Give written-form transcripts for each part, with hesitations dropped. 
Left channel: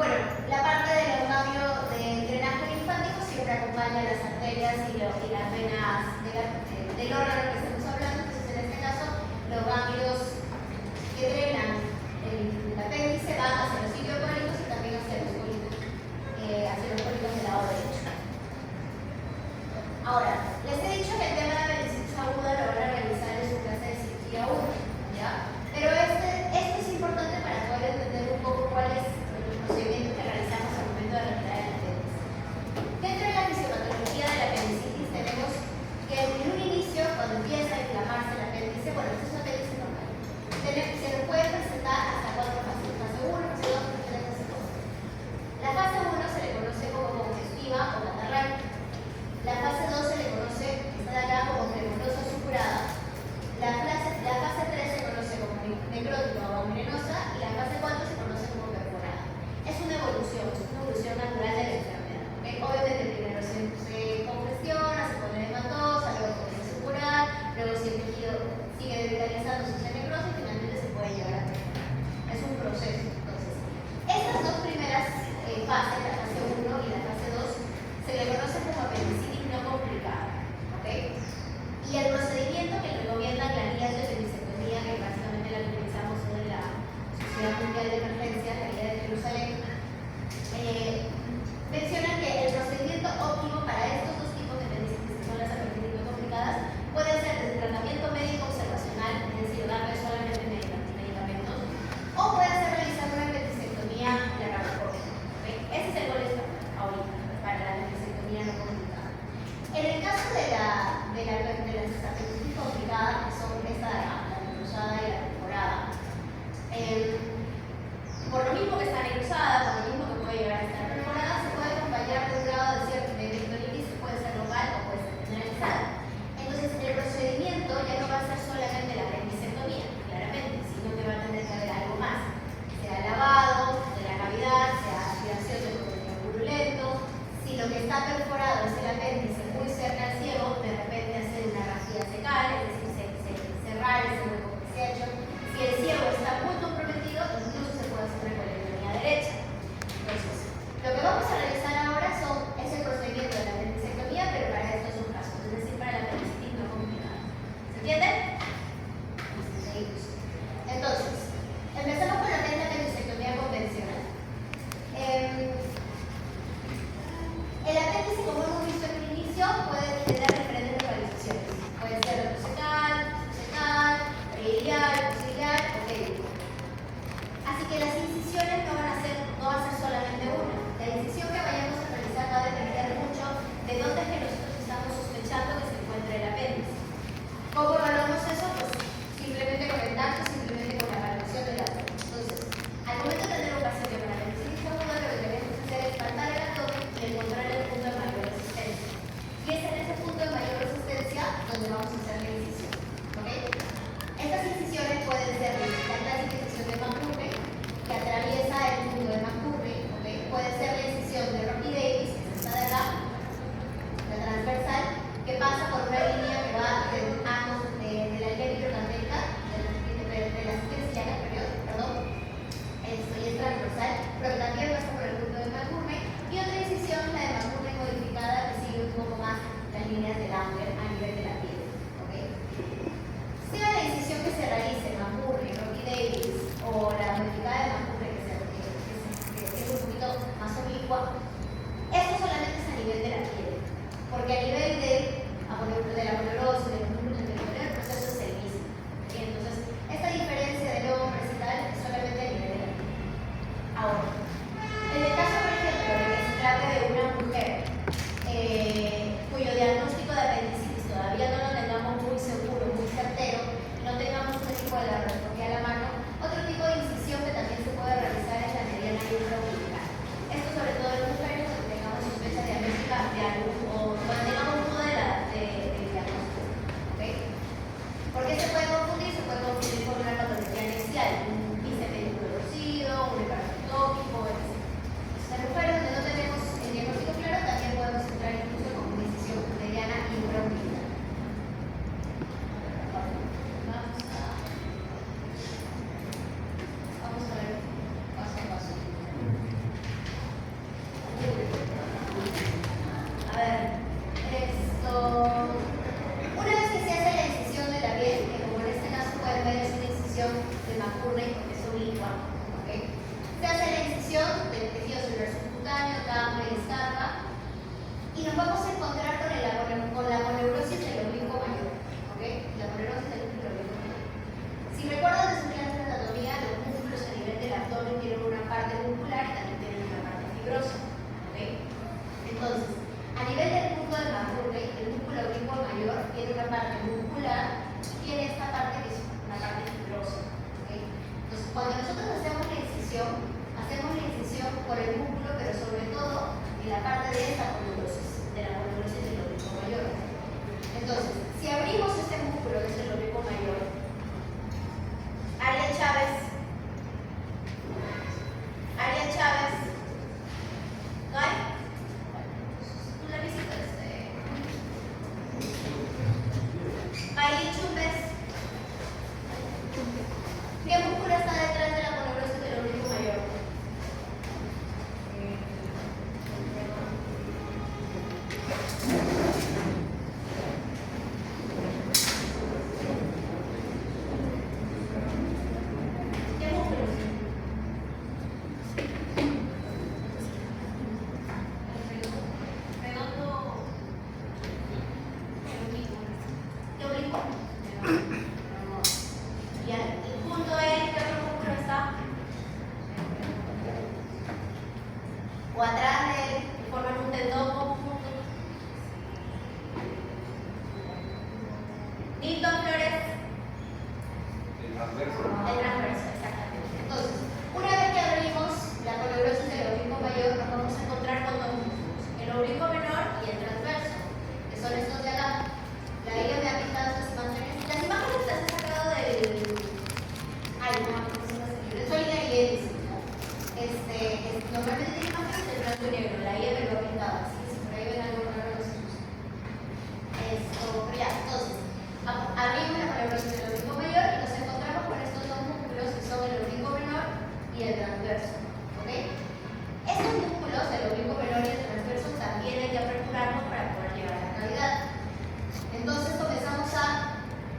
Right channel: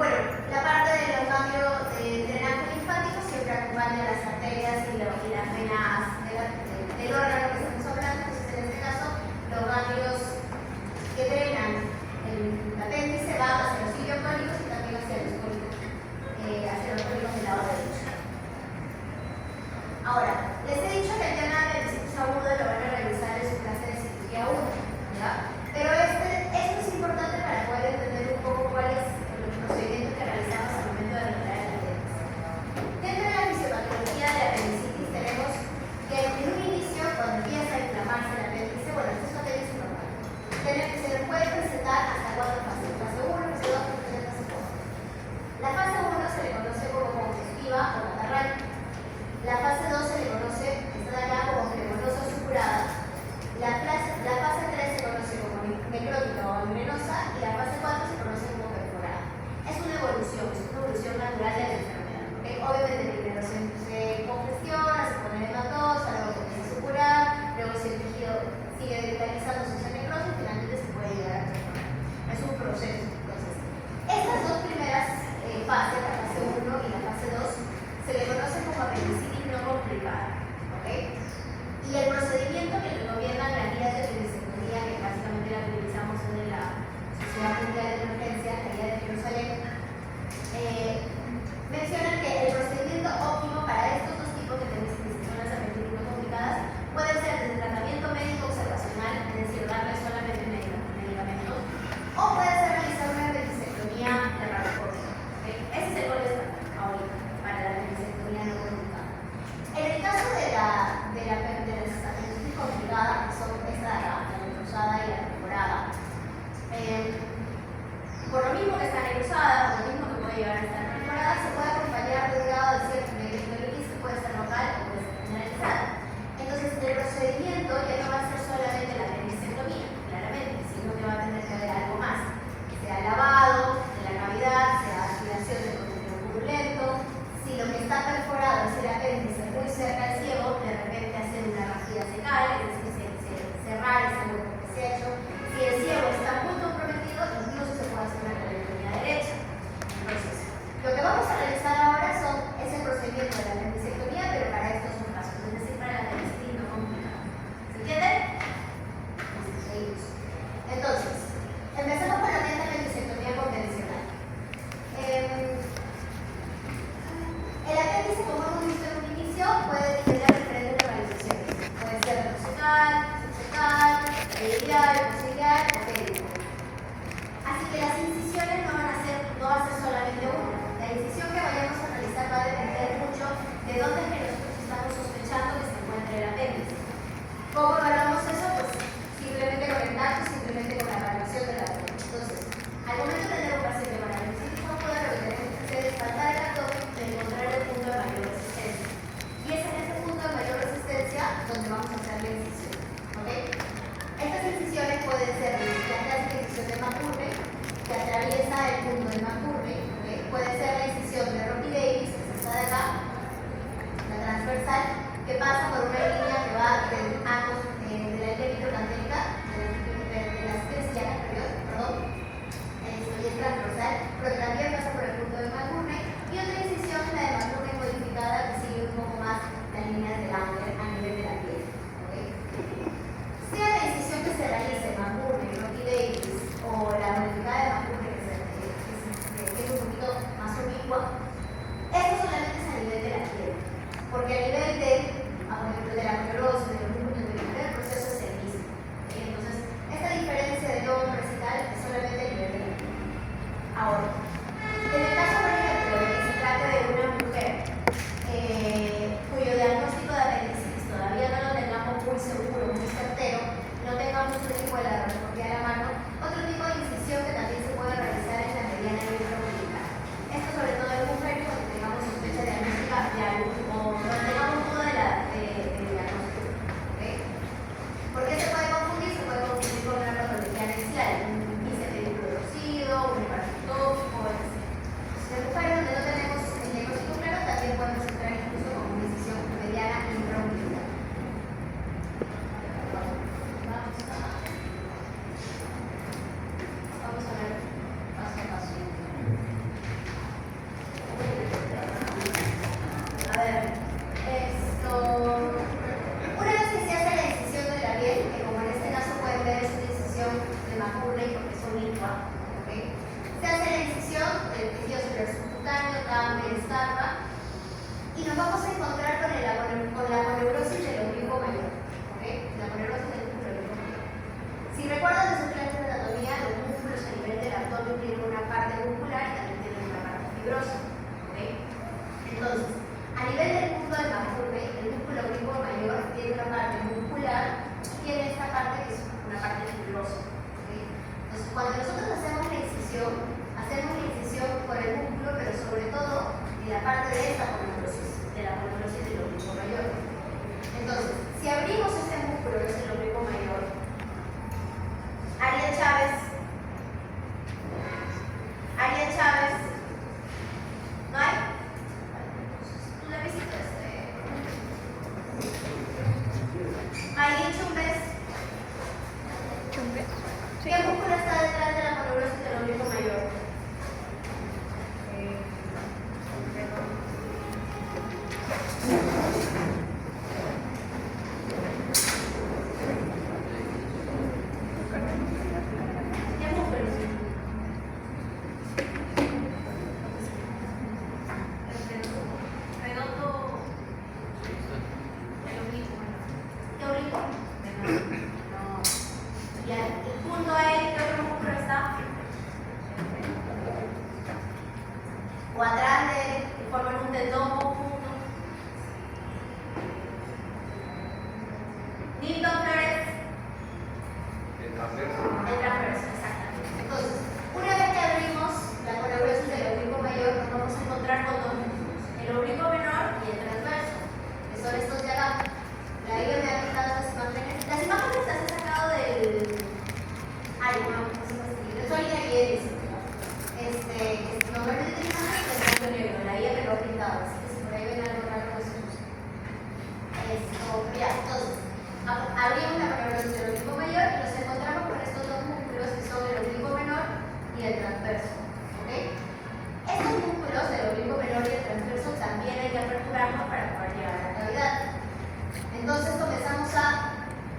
Bueno, la parte del ganglio del drenaje linfático siempre acompaña las arterias y las venas del órgano que estamos hablando. Entonces, en este caso, los ganglios que drenan el apéndice van hacia los ileocólicos y también hacia los cólicos, del lado derecho. Ahora, les he dicho que el tema de la disciplina aguda lo van a realizar en su clase de cirugía 1, ¿ya? Pero esto es importante para poder entender un poco cuál es el procedimiento que realizamos o atrás de forman un tendón conjunto. Knee Doppler, el transverso, exactamente. Entonces, una vez que abrimos la colobrosis del oblicuo mayor, nos vamos a encontrar con dos músculos, el oblicuo menor y el transverso, que son estos de acá. La idea me ha quitado las imágenes. Las imágenes las he sacado del. Ay, no, de Solidaridad y Edison, ¿no? Normalmente tiene imágenes de blanco y negro, la idea me lo ha pintado, así que si por ahí ven algo raro, no se usa. Ya, entonces, abrimos la colobrosis del oblicuo mayor y nos encontramos con estos dos músculos que son el oblicuo menor y el transverso. ¿Ok? Estos músculos, el oblicuo menor y el transverso, también hay que aperturarlos para poder llegar a la cavidad. Entonces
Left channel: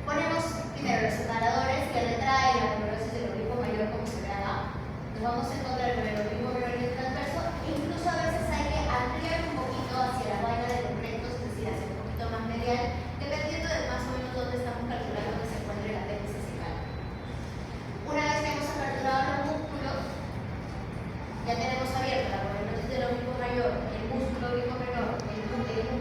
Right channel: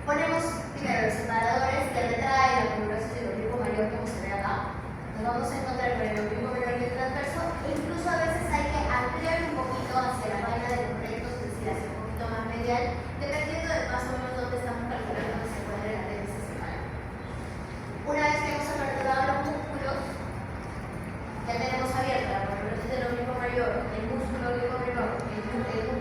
ponemos primero los separadores que retraen la colobrosis del oblicuo mayor como se ve acá. Nos vamos a encontrar con el oblicuo menor y el transverso e incluso a veces hay que ampliar un poquito hacia la vaina de los rectos, es decir, hacia un poquito más medial, dependiendo de más o menos dónde estamos calculando que se encuentre el apéndice cecal. Una vez que hemos aperturado los músculos, ya tenemos abierto la colobrosis del oblicuo mayor, el músculo oblicuo menor, el músculo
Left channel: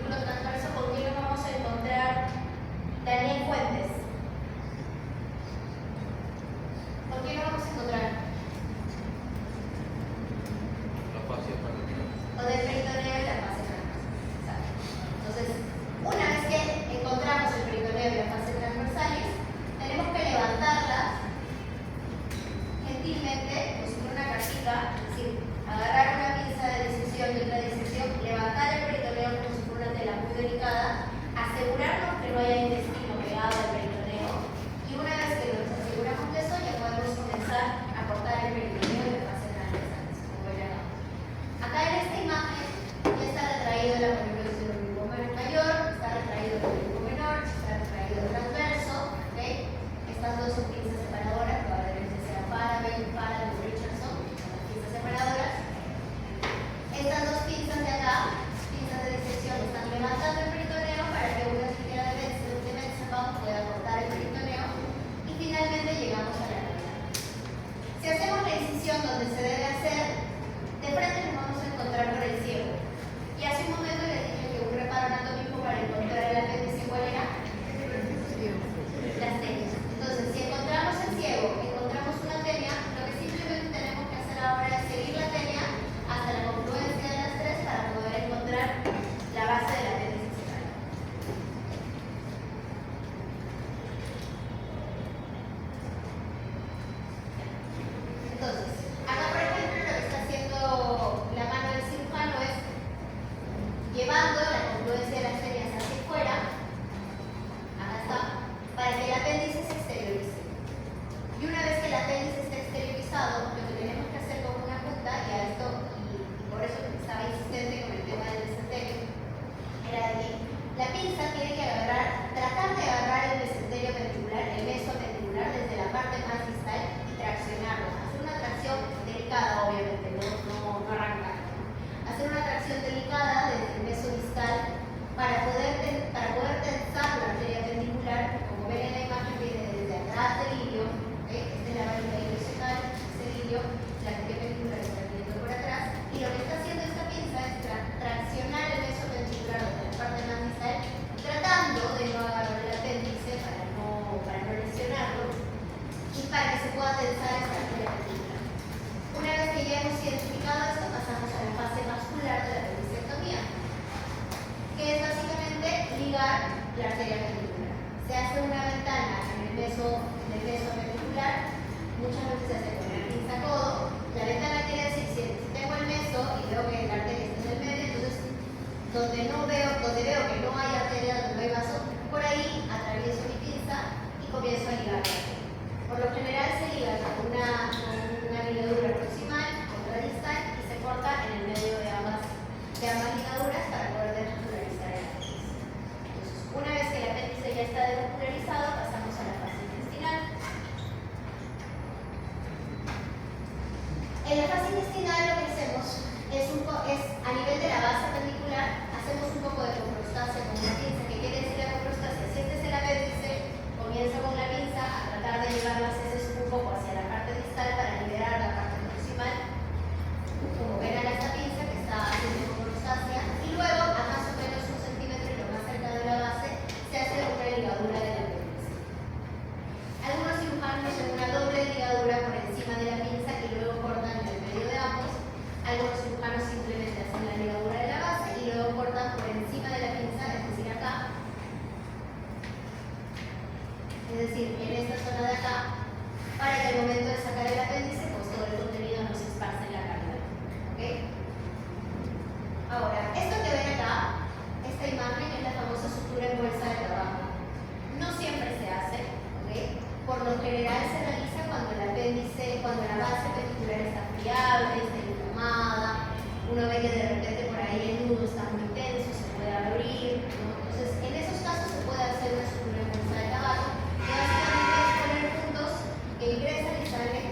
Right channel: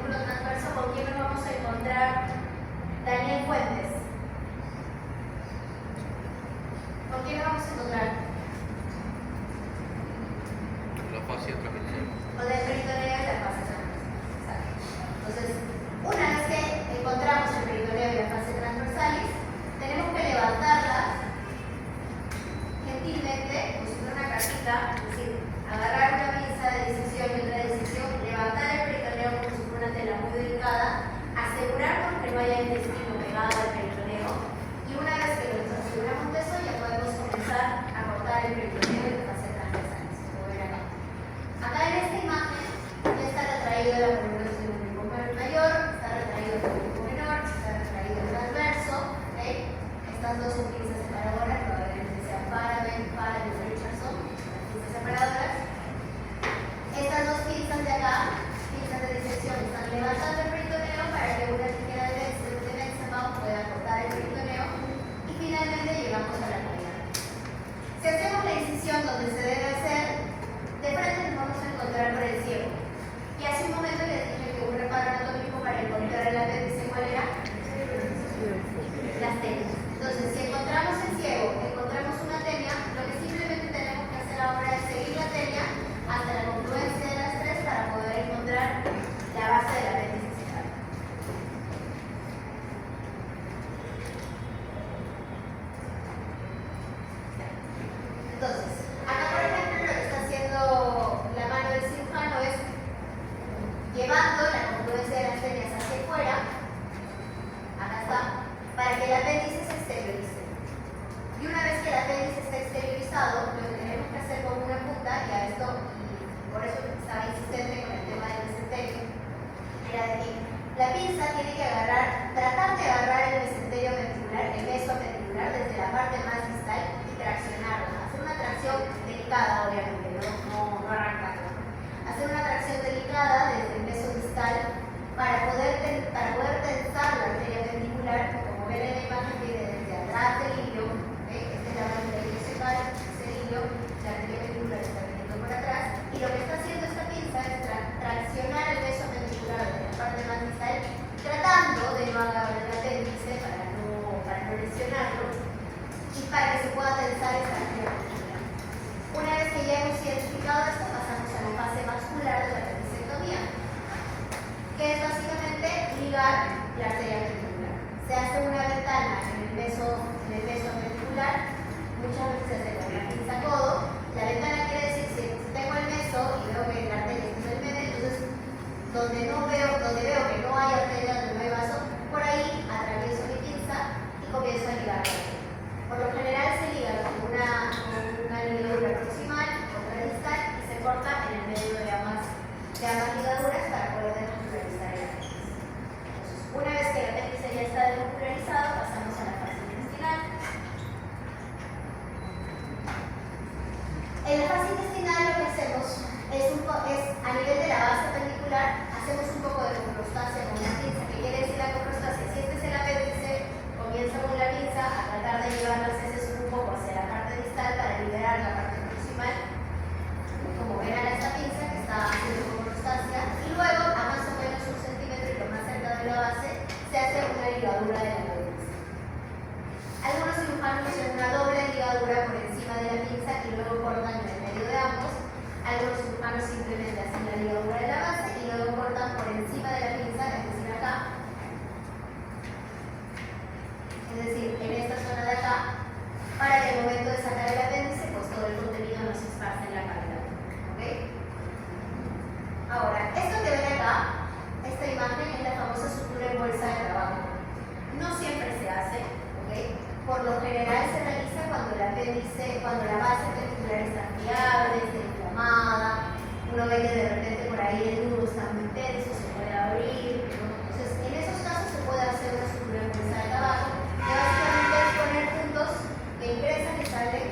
ve que de repente por ahí el nudo está muy tenso, se puede abrir, ¿no? Entonces, en esos casos se puede hacer una sutura en bolsa de tabaco, que básicamente es poner puntos que ingresan y salen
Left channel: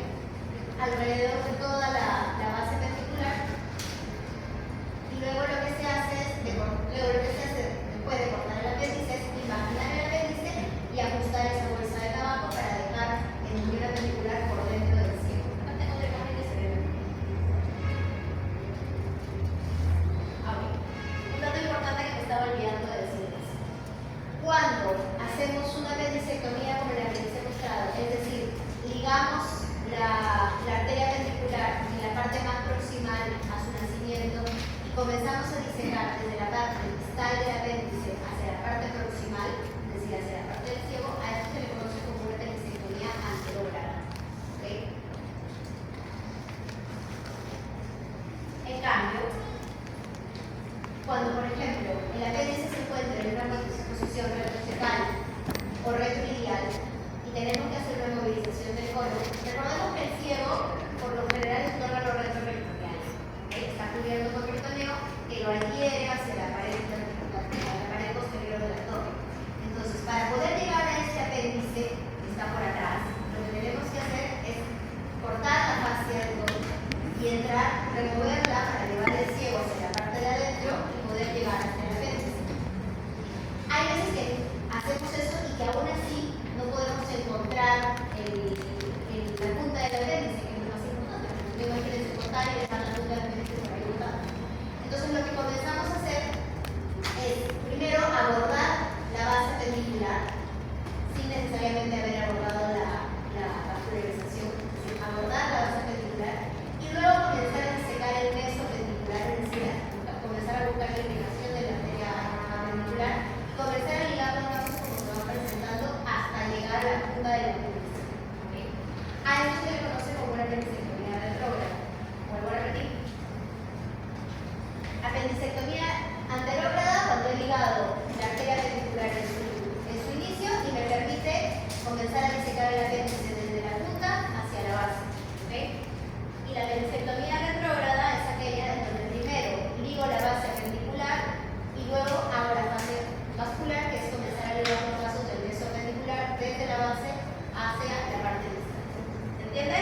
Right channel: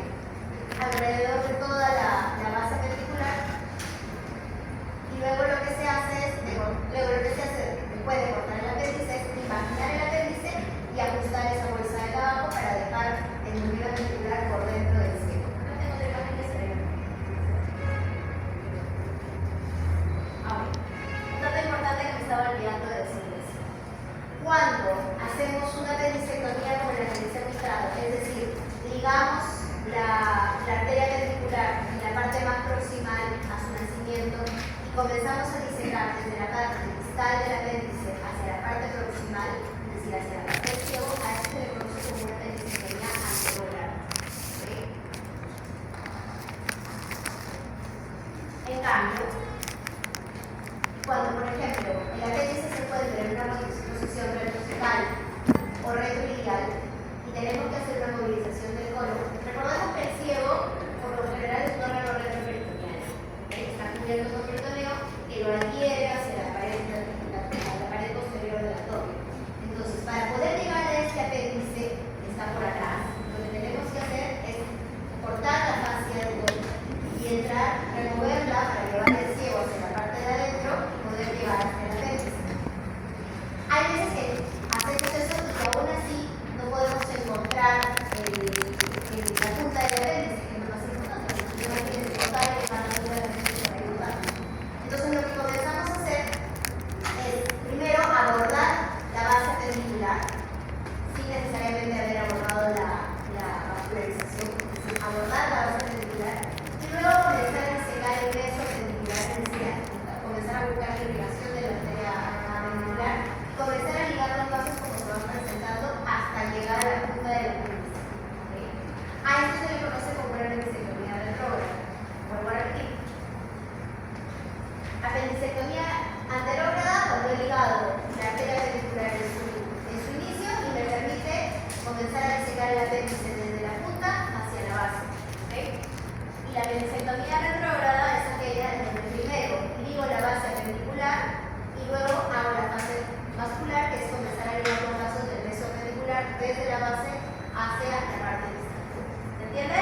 alrededor de toda la base ventricular. Y luego lo que se hace es, después de cortar el apéndice, es imaginar el apéndice y ajustar esa bolsa de tabaco para dejar el núcleo ventricular por dentro del ciego. No tengo otra imagen que se vea. Un dato importante que me estaba olvidando de decirles. Cuando hacemos una apendicectomía como la que les he mostrado, es decir, ligamos la arteria ventricular en la parte más proximal a su nacimiento y comenzamos a disecar desde la parte distal del apéndice hacia la parte proximal, es decir, hacia la parte del ciego, a eso se le conoce como una apendicectomía anterógrada. ¿Okay? En cambio, cuando, por ejemplo, el apéndice se encuentra en una posición retrocefal o retroiliac y tenemos que hacer una movilización del colon, recordemos que el ciego, por lo general, es un órgano retroperitoneal. Está cubierto con peritoneo que lo adhiere hacia la pared posterior del abdomen. Entonces, para poder llegar a este apéndice que está por atrás, lo que tenemos que hacer es cortar la fascia del colon y entrar, removerla para llevar el ciego hacia la parte de adentro y poder llegar hasta el apéndice. Hay veces que hacemos eso y que aún así no podemos encontrar la punta del apéndice, que es lo más importante, porque no quieren cortar y dejar la punta del apéndice para ayudar. Entonces lo que comenzamos a hacer es primero abordar la base appendicular sin necesariamente haber abordado la vascularización, es decir, abordar la base appendicular y luego comenzar a secar el peso appendicular en sí, comenzar a buscar la irrigación de la arteria appendicular, comenzar a ligar los vasos como se van presentando hasta llegar a la punta del apéndice. ¿Okay? A eso se le conoce como una apendicectomía retrógrada. Vuelvo a repetir. Apendicectomía anterógrada cuando he ligado la arteria appendicular en su inicio y me permite comenzar a disecar el apéndice desde la punta hacia la base. ¿Okay? Y la apendicectomía retrógrada es aquella en donde primero ligo la base appendicular y luego hago la fase vascular, que es comenzar a ligar los vasos del meso appendicular desde la base hacia la parte distal. ¿Se entiende?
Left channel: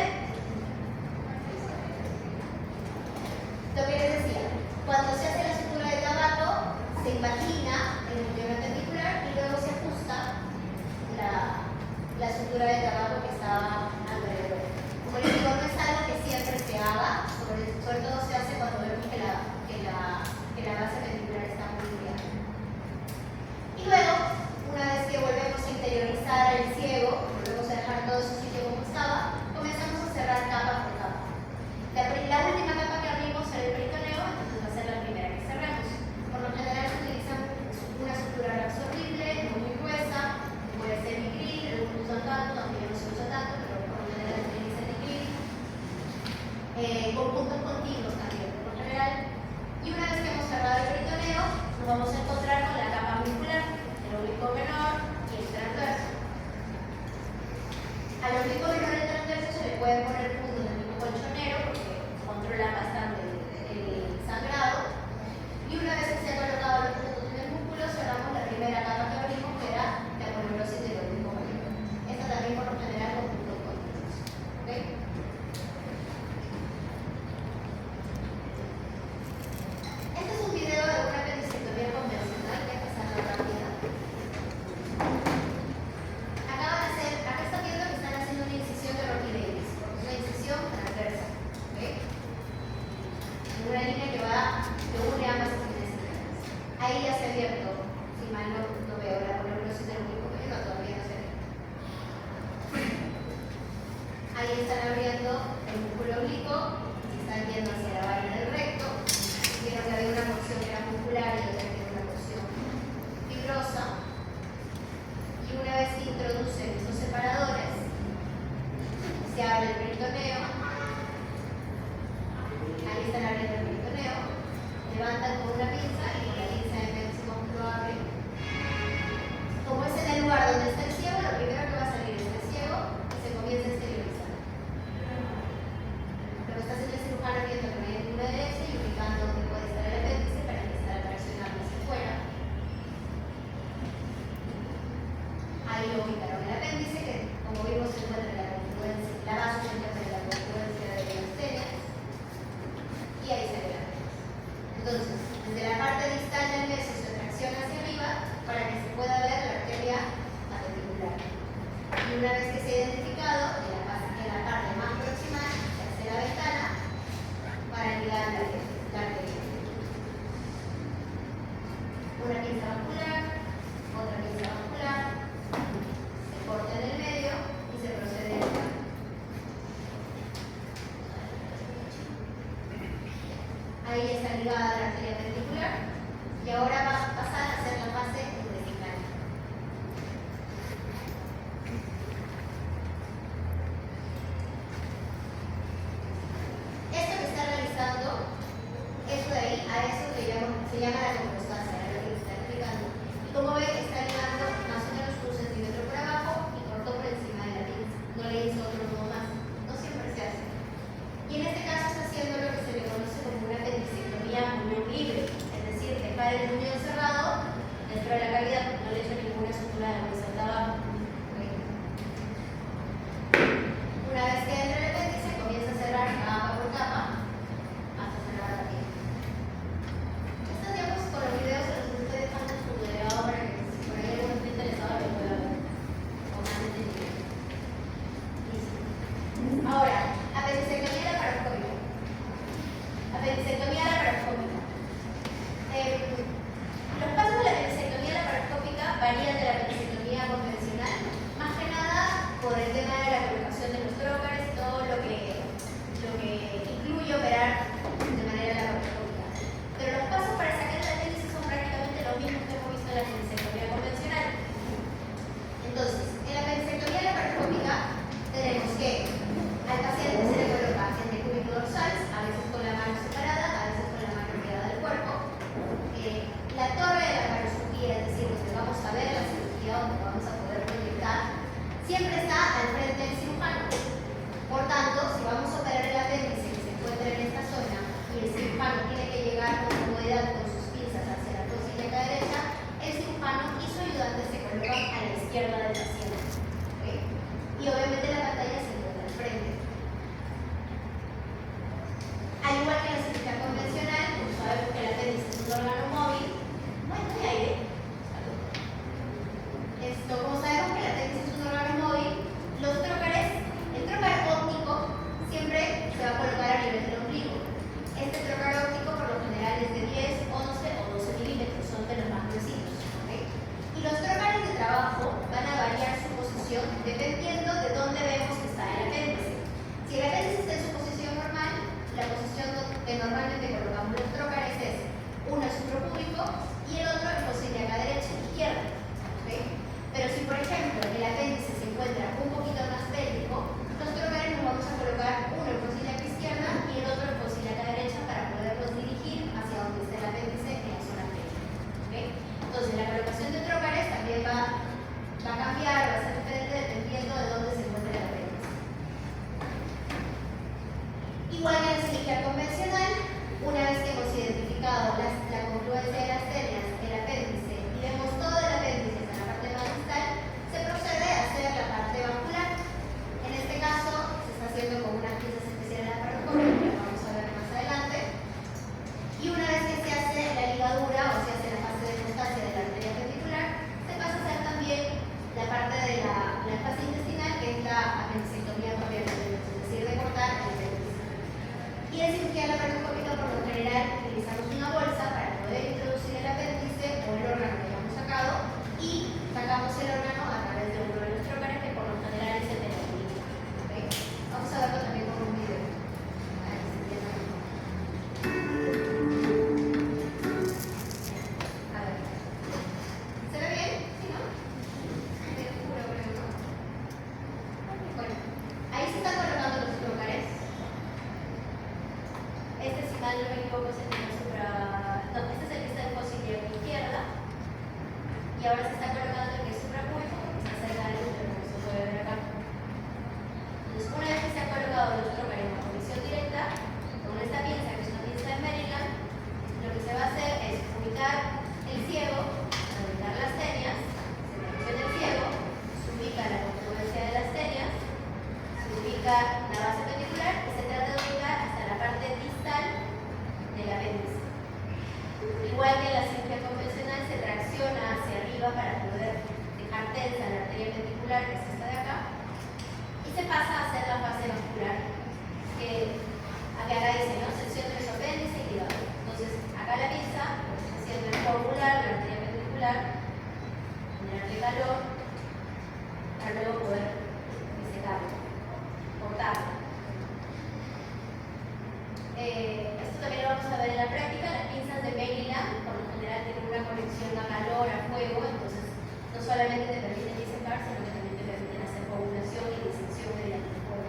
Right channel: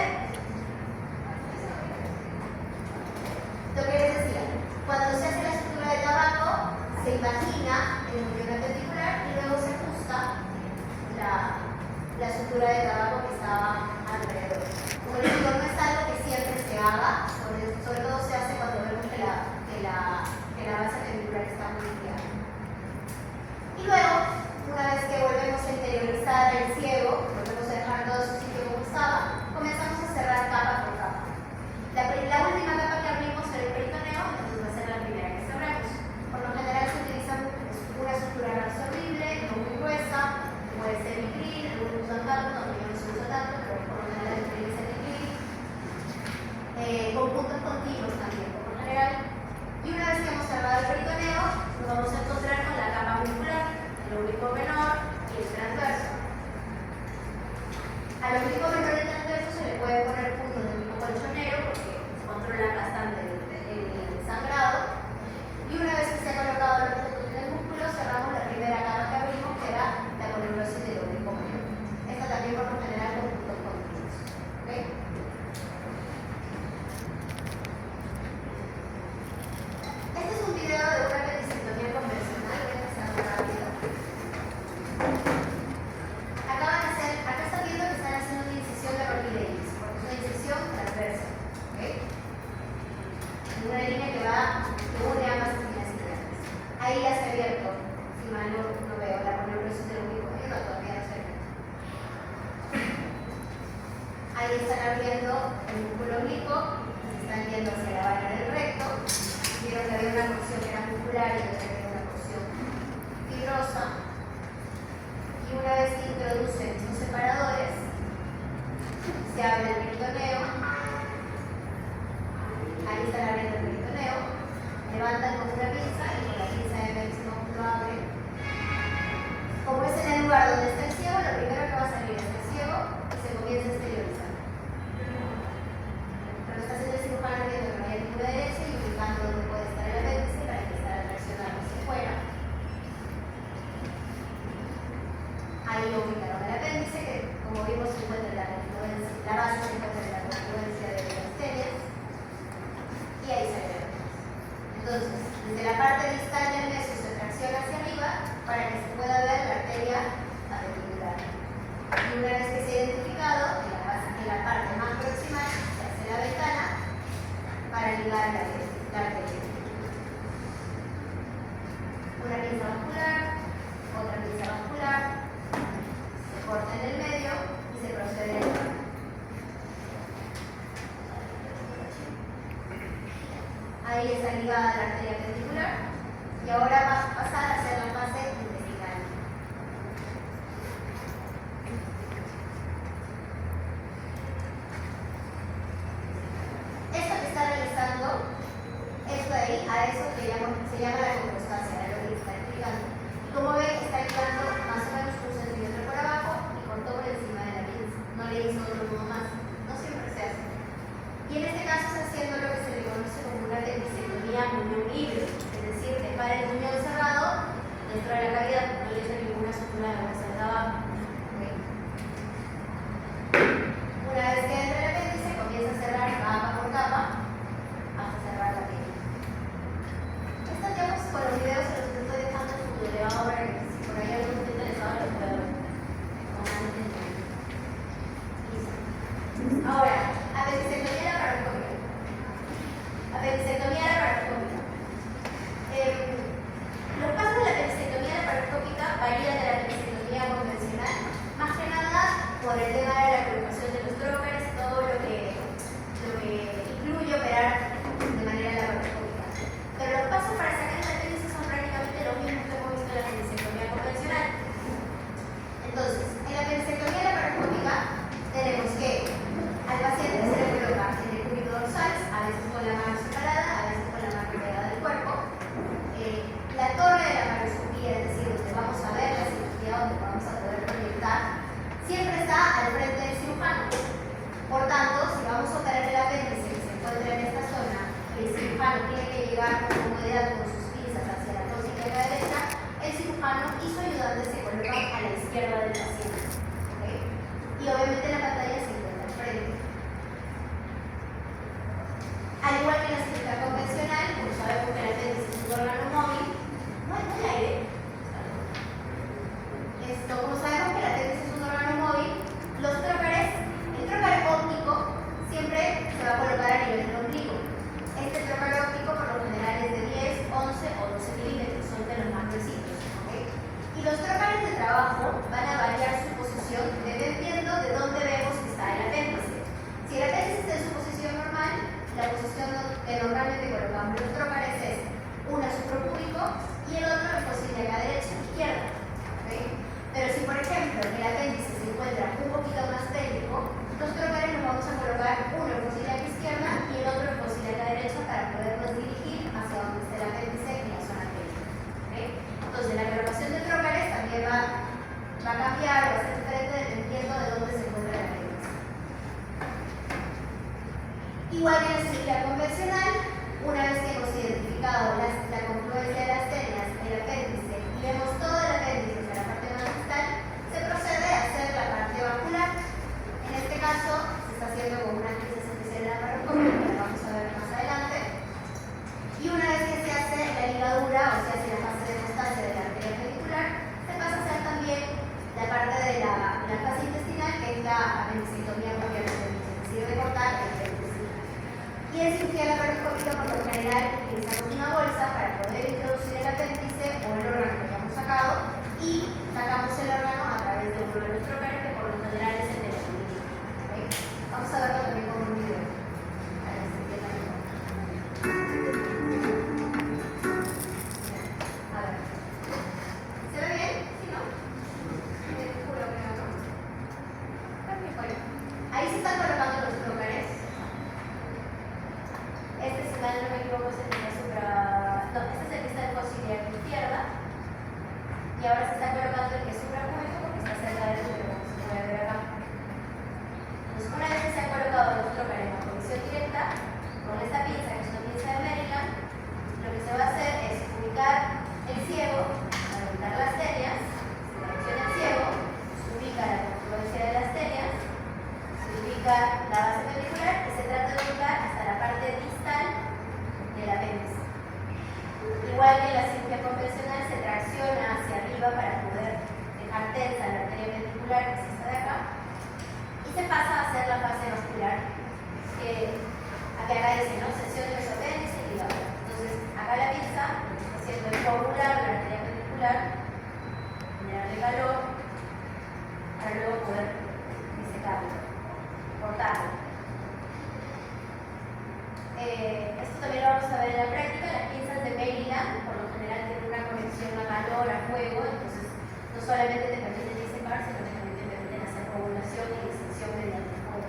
Lo que les decía, cuando se hace la sutura de tabaco, se imagina el núcleo appendicular y luego se ajusta la sutura de tabaco que estaba alrededor. Como les digo, no es algo que siempre se haga, sobre todo se hace cuando vemos que la base appendicular está muy ligada. Y luego, una vez que volvemos a interiorizar el ciego, volvemos a dejar todo su sitio como estaba, comenzamos a cerrar capa por capa. La última capa que abrimos era el peritoneo, entonces va a ser la primera que cerramos. Por lo general se utiliza una estructura absorbible, no muy gruesa, puede ser nigril, algunos usan tanto, también no se usa tanto, pero por lo general se utiliza nigril. Con puntos continuos también, por lo general. Y una vez que hemos cerrado el peritoneo, nos vamos a encontrar con la capa muscular, el oblicuo menor y el transverso. Al oblicuo menor y el transverso se le puede poner puntos de tipo colchonero porque controlan bastante el sangrado. Y una vez que se han colocado los puntos en el músculo, cerramos la primera capa que abrimos, que era la columnosis del oblicuo menor. Esta también por lo general con puntos continuos. ¿Okay? Este es un video de una apendicectomía convencional, voy a pasarlo rápido. Acá están viendo que están haciendo una incisión de Rockefeller, porque es una incisión transversa. ¿Okay? Una línea que une ambas esquinas internas. Ahí ya se ha abierto, si mal no veo, la columnosis del oblicuo menor, todavía no se ve. Ahí están abriendo el músculo oblicuo, están yendo hacia la vaina del recto. Vieron que había una porción que era muscular y otra que era una porción fibrosa. Y una vez que introducen estos separadores, se abre el peritoneo. Ahí están abriendo el peritoneo. Levantan con una pinza y con la pinza de máximo lo abren. Como es en el lugar donde está el ciego, lo primero que va a salir es el ciego y se comienza a exteriorizar. Lo que está haciendo el cirujano viendo que no hay ninguna derecha Entonces, desde la parte distal del meso se tracciona hacia arriba para que se pueda ver la arteria apendicular. Y una vez que se ha identificado, en la parte más proximal se hace la ventana para ligar la arteria. Una pinza vascular, otra pinza vascular, se corta en el medio y se procede a ligar. Ahí está ligada la arteria apendicular y ahora va a pasar a hacer la fase intestinal. Esto que está realizando, esto de ahí, a eso se llama la compostasia, a lo que está explicando. Y como ven, está ligando más o menos 1 centímetro por abajo y cortó por encima de la pinza. No le hizo otro nudo más. No siempre se hace. Y en este caso está haciendo lo que se le conoce como una apendicectomía muñón libre, es decir, dejar el muñón cerrado dentro de la cavidad, porque no le hizo ninguna sutura de la bolsa de abajo. Una vez que entra el apéndice, comienza a cerrar capa por capa hasta cerrar la piel. Estos diapos con los videos se los estoy dejando en su video para que si por ahí alguno está interesado lo pueda ver. Listo. Ahora, apendicectomía laparoscópica. Apendicectomía laparoscópica. Los pasos de la apendicectomía laparoscópica varían de la apendicectomía convencional, más que nada por el tema de la colocación de los trócares y todo lo que incluye operar de manera laparoscópica. Pero los pasos para sacar el apéndice son prácticamente los mismos que hemos visto en la apendicectomía convencional. Entonces, en la apendicectomía laparoscópica tenemos que al paciente se le coloca en el cúbito dorsal, a veces con la mano separada, a veces con la mano pegada del cuerpo. La torre de la laparoscopía, es decir, donde vamos a ver la cirugía, donde vamos a poder proyectar, siempre está al frente del cirujano. Por tanto, si vamos a operar el apéndice que se encuentra en esta zona y el cirujano tiene que llegar con comodidad con sus pinzas hacia la costilla derecha, el cirujano y su ayudante se colocan a la izquierda del paciente. ¿Okay? Y obviamente la pantalla se encuentra al frente. Al igual que en la cirugía convencional, como sabemos que el apéndice es un órgano móvil, no hay aire. Como sabemos que el apéndice es un órgano móvil, los trócares, el trócar óptico siempre se va a colocar a nivel del ombligo. Este trócar óptico por lo general es de 10, 11 o 12 milímetros, son de los más precisos. ¿Okay? Y los trócares de trabajo van a variar su posición dependiendo de dónde vemos que está el apéndice. Si el apéndice está en su posición normal, la posición que normalmente colocamos los trócares es uno suprapúbico y el otro en costilla derecha e izquierda. ¿Okay? Pero si por ejemplo el apéndice se encuentra un poquito más pélvico, los trócares nos vamos a colocar uno en costilla izquierda y el otro en costilla derecha para podernos dirigir hacia donde está el apéndice en la zona pélvica. ¿Okay? Entonces la colocación de trócares también va a cambiar, va a ser diferente dependiendo de dónde se encuentra el apéndice. Igual que en la cirugía convencional, una vez que hemos identificado la confluencia de las tenias, el apéndice, y vemos todo el apéndice en la parte más distal, se procede a hacer la parte vascular. En este caso, se está haciendo con unas piezas especiales laparoscópicas, que la vamos a ver más adelante. Y una vez que se hace la ligadura, o se hace la fase de hemostasia de la arteria apendicular, se pasa a hacer también la parte de la fase intestinal, que es la apendicectomía complementaria, es decir, de cortar el apéndice. Y en cirugía laparoscópica, por lo general, utilizamos una bolsa para poder introducir el apéndice o el órgano que hemos sacado y sacamos el órgano a través de uno de los trócares, que por lo general es el de la clínica. ¿Okay? Vamos a verlo también con un video. A ver si entiendo mejor. A ver. ¿Se ve bien? ¿Sí, no? Me juro que no, ¿no? Bueno, ahí se están colocando los trócares. Este, si mal no me equivoco, es el de la supra... No, este es el que está en costilla izquierda. Y ahora se está colocando el que es suprapúbico presiona hacia arriba para poder dejar tensa la arteria ventricular, que es esta de acá, y se pasa a hacer la fase vascular, que acá dice, ¿no? Sección de mesopéndice y hígado. Entonces, acá la pinza, haciendo el formular, la arteria ventricular, generarle calor, para luego poder disecarlo, cortarlo. Esto también lo vamos a ver en la práctica. Las pinzas de Maryland, por lo general, tienen una conexión a calor, a fuego, entonces no solamente te permiten disecar, sino que también te permiten hacer coagulación y disección mediante fuego.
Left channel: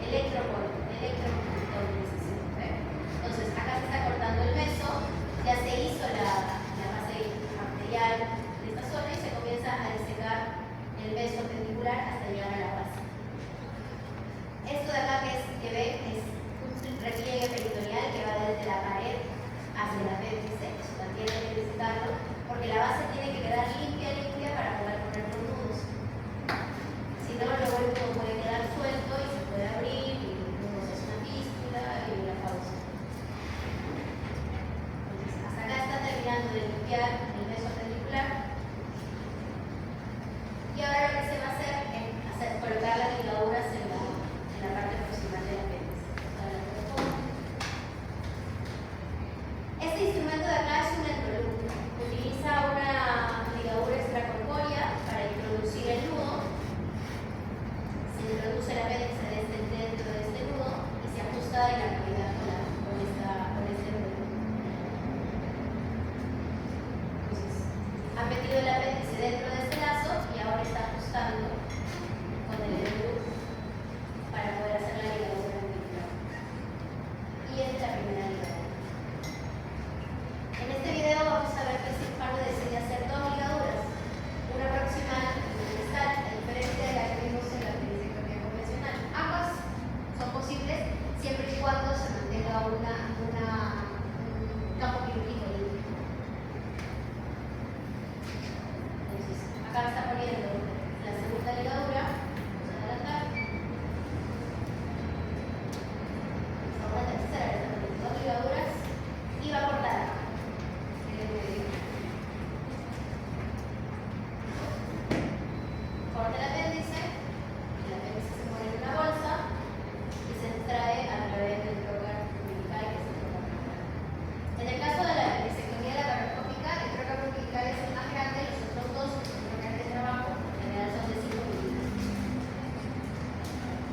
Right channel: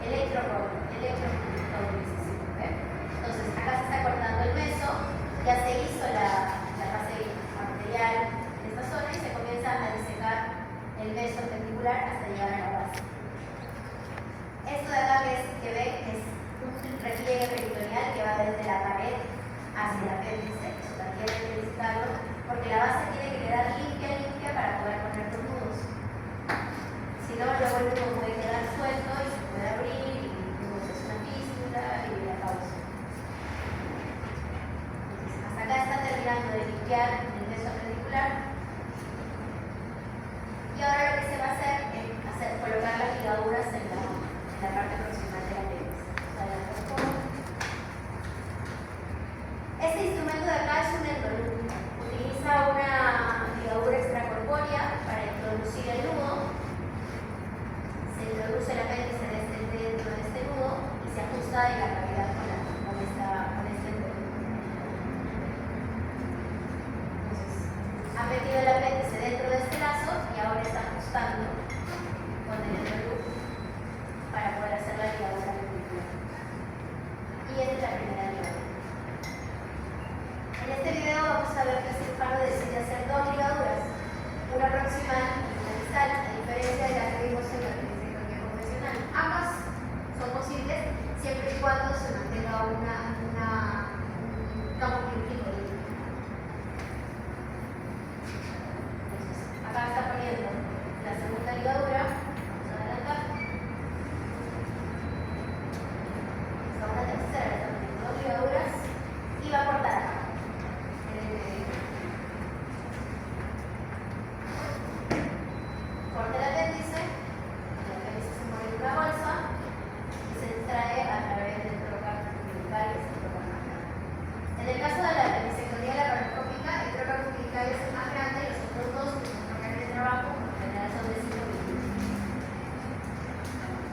Electromovilización. Entonces, acá se está cortando el meso, ya se hizo la fase arterial de esta zona y se comienza a disecar el meso ventricular hasta llegar a la base. Esto de acá que ven es un repliegue peritoneal que va desde la pared hacia el apéndice. Eso también hay que visitarlo, porque la base tiene que quedar limpia para poder poner los nudos. Si no, luego el nudo puede quedar suelto y se puede abrir, y luego se hace una fístula y la pausa. Entonces, hasta acá está terminando de limpiar el meso ventricular. Y ahora lo que se va a hacer es colocar las ligaduras en la parte proximal del apéndice. Este instrumento de acá es un endoluc. Utiliza una ligadura extracorpórea para introducir el nudo. Se introduce el apéndice dentro de este nudo y se ajusta en la cavidad con este endoluc. Entonces, ha metido el apéndice dentro de este lazo y ahora está ajustando con el endoluc para poder hacer la ligadura ventricular. Y esta es la primera ligadura. En este video vamos a ver que el cirujano decide hacer dos ligaduras, una proximal y una distal, a diferencia de la que vimos en la perisectomía convencional. Ambas son posibles siempre y cuando se mantenga un campo quirúrgico limpio. Entonces, acá está poniendo la segunda ligadura. Vamos a adelantar. Ahora la tercera, está poniendo dos ligaduras y va a cortar acá. Corta el apéndice, se pone en una bolsa y se extrae a través del trocar umbilical, que es el trocar nasal. En el caso de la disectomía laparoscópica, el trocar umbilical es el más grande y los otros dos, que son trocales de trabajo, en general son de 5 milímetros.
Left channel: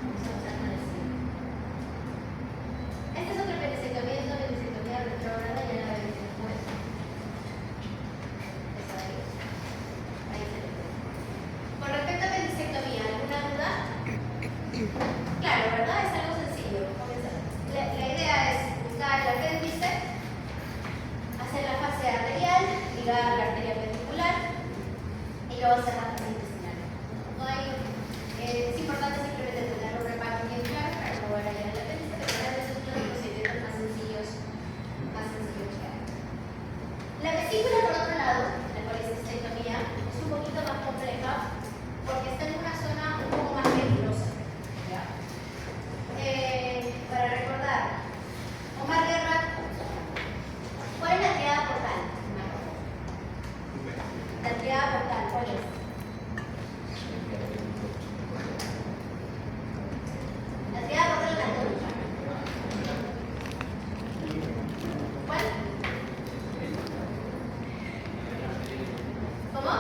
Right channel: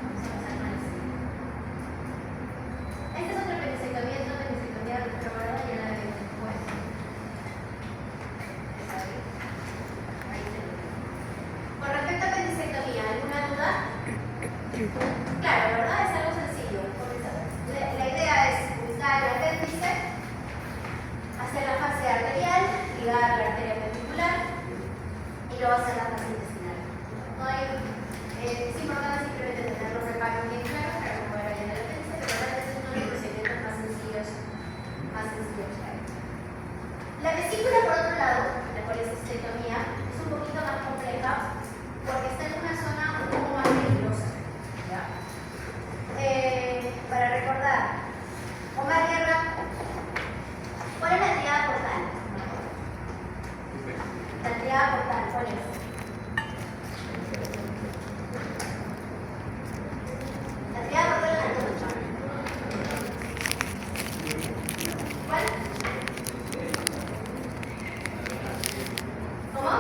Vamos a pasar con el siguiente. Este es otro perisectomía, es una perisectomía retrógrada y la de después. Es ahí. Ahí se ve. Con respecto a apendicectomía, ¿alguna duda? Claro, ¿verdad? Es algo sencillo. La idea es ubicar el apéndice, hacer la fase arterial, ligar la arteria ventricular y luego hacer la fase intestinal. No hay, es importante simplemente tener los reparos bien claros para no volver a el apéndice, pero realmente es uno de los procedimientos más sencillos que hay. La vesícula, por otro lado, la colecistectomía, es un poquito más compleja porque está en una zona un poco más peligrosa. ¿Ya? Para recordar, Omar Guerra, ¿cuál es la triada portal? La triada portal, ¿cuál es? La triada portal es la antónica. ¿Cuál? ¿Cómo?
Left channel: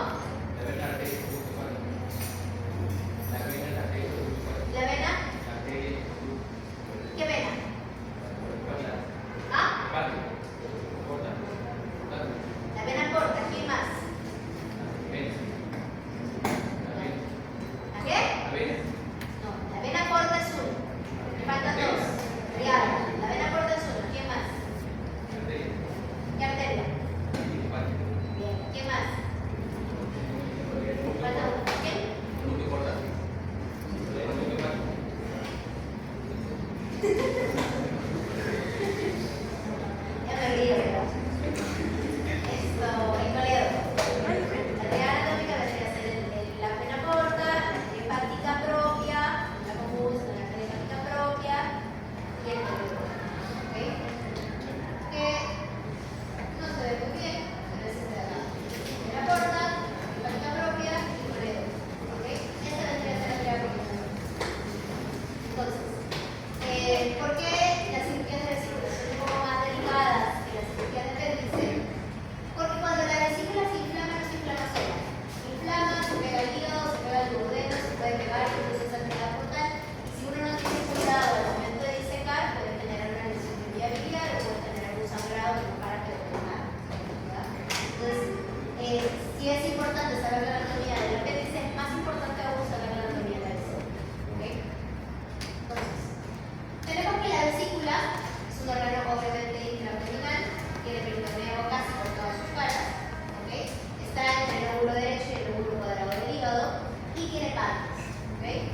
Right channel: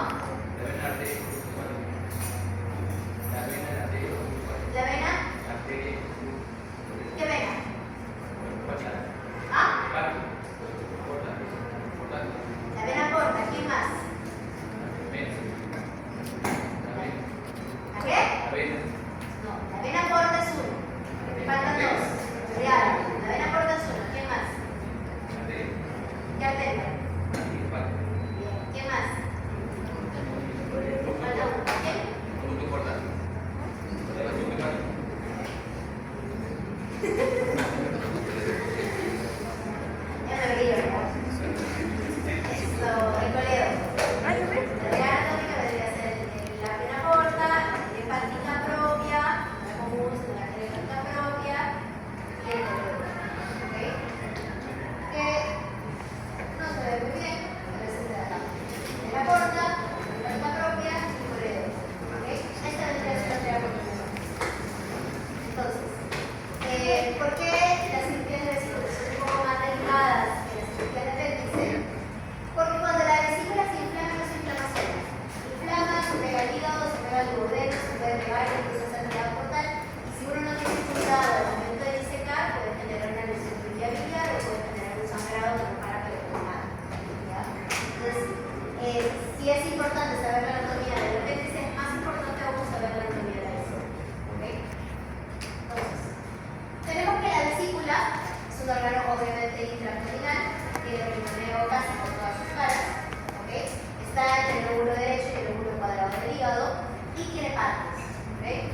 obviamente intraabdominal, tiene peritoneo casi por todas sus caras, ¿okay? Está entre el lóbulo derecho y el lóbulo cuadrado del hígado y tiene partes, ¿okay?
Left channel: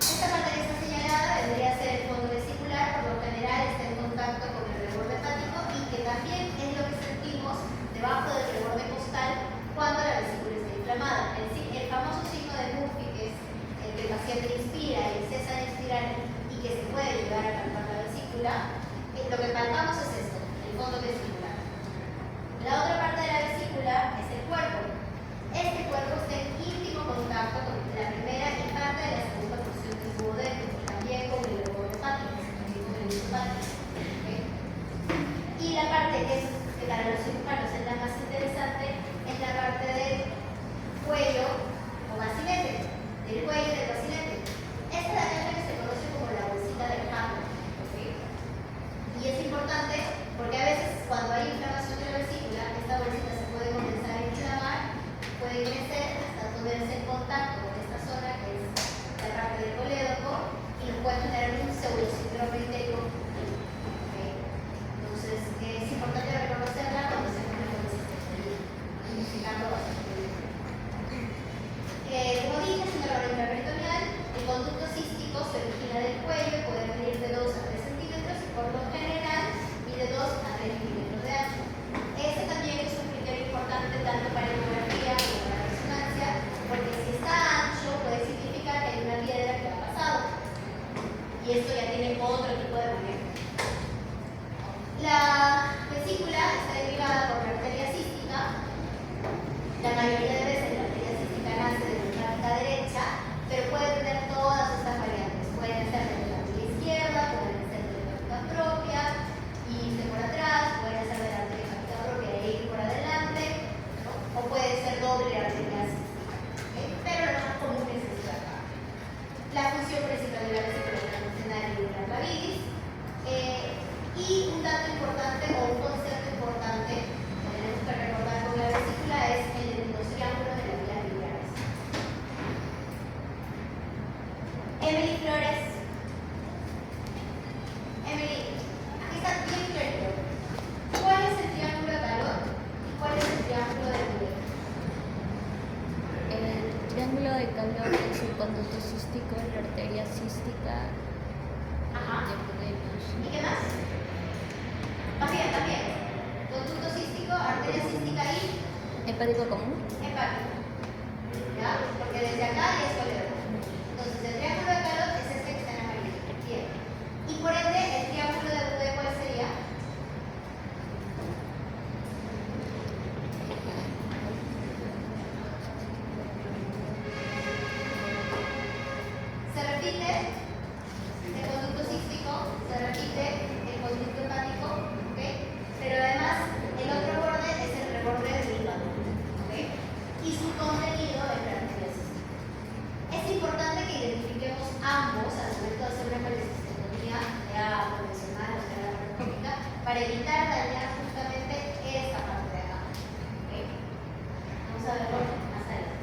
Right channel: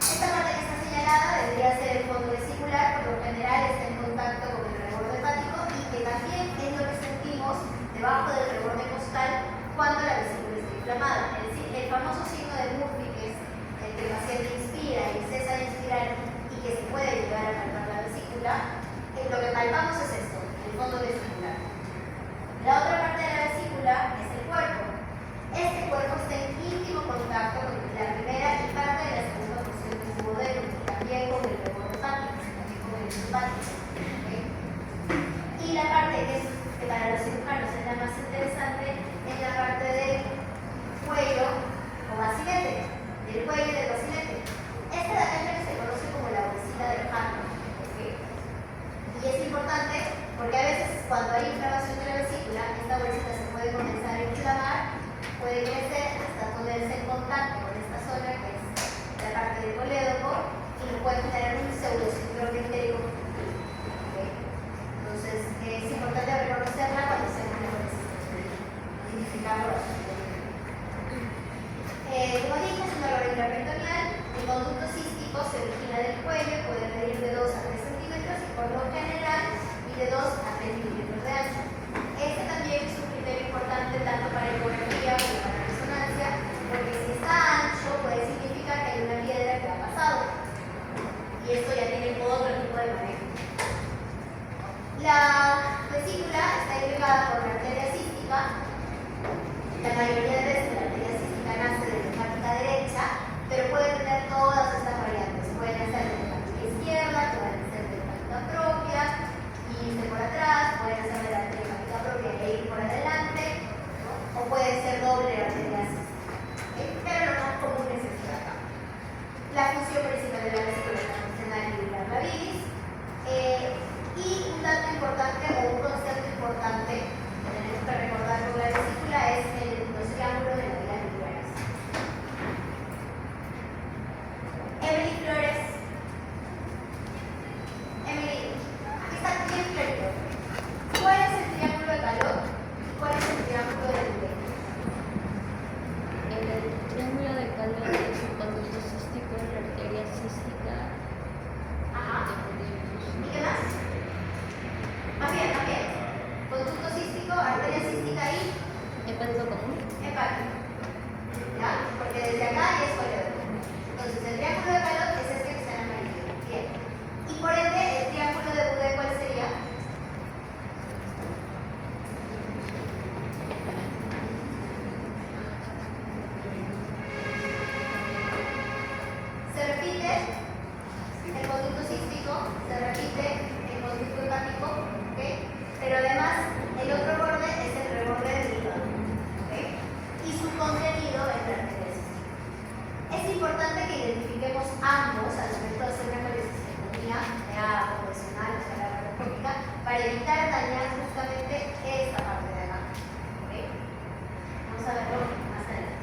Esta parte que está señalada vendría a ser el fondo vesicular, por lo general está en contacto con el reborde hepático y que también es lo que sentimos debajo del reborde costal cuando la vesícula está inflamada. El famoso signo de Murphy, que es el que el paciente inspira y cesa de inspirar y que se puede llegar a palpar la vesícula, lo que palpamos es esto, el fondo vesicular. La otra parte de la vesícula es el cuerpo. Este cuerpo está en íntimo contacto con la primera y parte de la segunda porción del duodeno, también con el reborde hepático, también con el hepático. ¿Okay? Y la parte que para los cirujanos es la más interesante es la parte del cuello o bacilete, del cuello y del bacilete. Este de acá es lo que se conoce como la bolsita del Hartmann. ¿Okay? Y es importante porque a veces cuando hay inflamación de la vesícula, esta bolsita se puede comenzar a inflamar, puede crecer hasta ponerse en contacto con esta zona que es la parte del colédoco y puede generar un pseudosíndrome entérico. ¿Okay? Entonces es importante reconocerla cuando se identificarlo bastante bien. Como dije, es un dolor intraperitoneal. El conducto cístico se origina del cuello, puede medir de 2 a 3 centímetros y por lo general y de 2 a 3 milímetros de ancho. Este también es un criterio importante tanto para ecografía como para resonancia, porque si está ancho puede significar que hay una piedra que ha pasado. Y esto ya tiene otro tipo de manejo. La vesícula está irrigada por la arteria cística. La mayoría de veces la arteria cística nace de la hepática derecha, pero puede tener todas estas variantes. Pueden ser de la hepática izquierda, pueden ser de la hepática propia, y irse por atrás, pueden ser de la arteria hepática propia e ir por adelante, ¿no? O puede ser doble arteria cística. ¿Okay? Pero lo más común es esto de acá. La función principal de la vesícula es la funcional y la gravidis. Y un dato importante o un concepto importante que tenemos que recordar con la vesícula es el triángulo de la vía biliares. Emily Flores. Emily, aquí está bien clarito. ¿Cuál es el triángulo de Calot y cuál es el triángulo de Boudet? El triángulo de Calot es el conducto cístico, la arteria cística. Ajá. ¿Y qué más? También. Conducto cístico, arteria cística y Hepático común. hepático. ¿Ya? Porque desde acá ya es colédoco. Entonces el triángulo de Calot es este que está en amarillo. Bien. Y por ende, el triángulo de Boudet, ¿cuál sería? Se repite el conducto cístico, se repite el conducto hepático, ¿okay? Pero además el otro borde es el reborde del hígado, ¿okay? Y su contenido en la arteria cística. Es importante que identifiquemos ambos al momento de hacer una colecistectomía, sea convencional o sea laparoscópica, para evitar dañar justamente esta parte de acá, ¿okay? Vamos a verlo más adelante.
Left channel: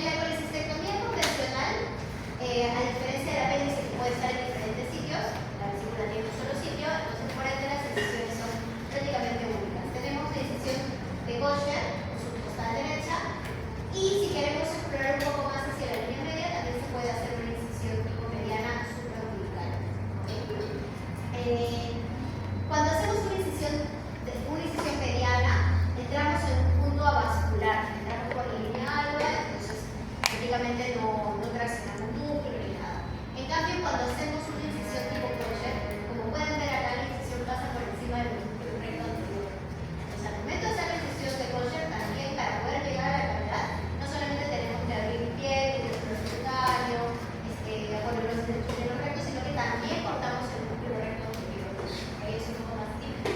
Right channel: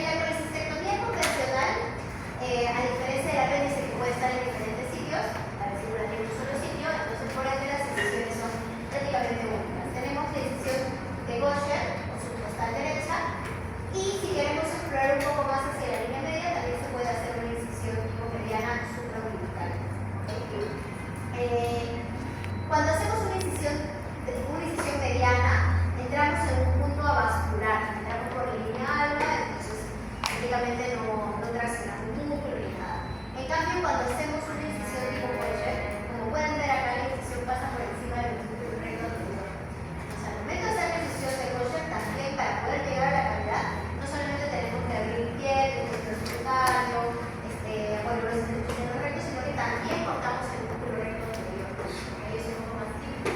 En la colecistectomía convencional, a diferencia de la apéndice que puede estar en diferentes sitios, la vesícula tiene un solo sitio, entonces por ende las incisiones son prácticamente únicas. Tenemos la incisión de Gaucher o subcostal derecha, y si queremos explorar un poco más hacia la línea media, también se puede hacer una incisión tipo mediana supraumbilical. Cuando hacemos una incisión mediana, entramos en un punto avascular, entramos por la línea alba, entonces prácticamente no traccionamos núcleo ni nada. En cambio, cuando hacemos una incisión tipo Gaucher, como pueden ver acá, la incisión pasa por encima del núcleo recto anterior. Entonces, al momento de hacer la incisión de Gaucher, también para poder llegar a la cavidad, no solamente tenemos que abrir piel, el subcutáneo, apoyos de los rectos, sino que también cortamos el núcleo recto anterior. Ahí es un poco más típico.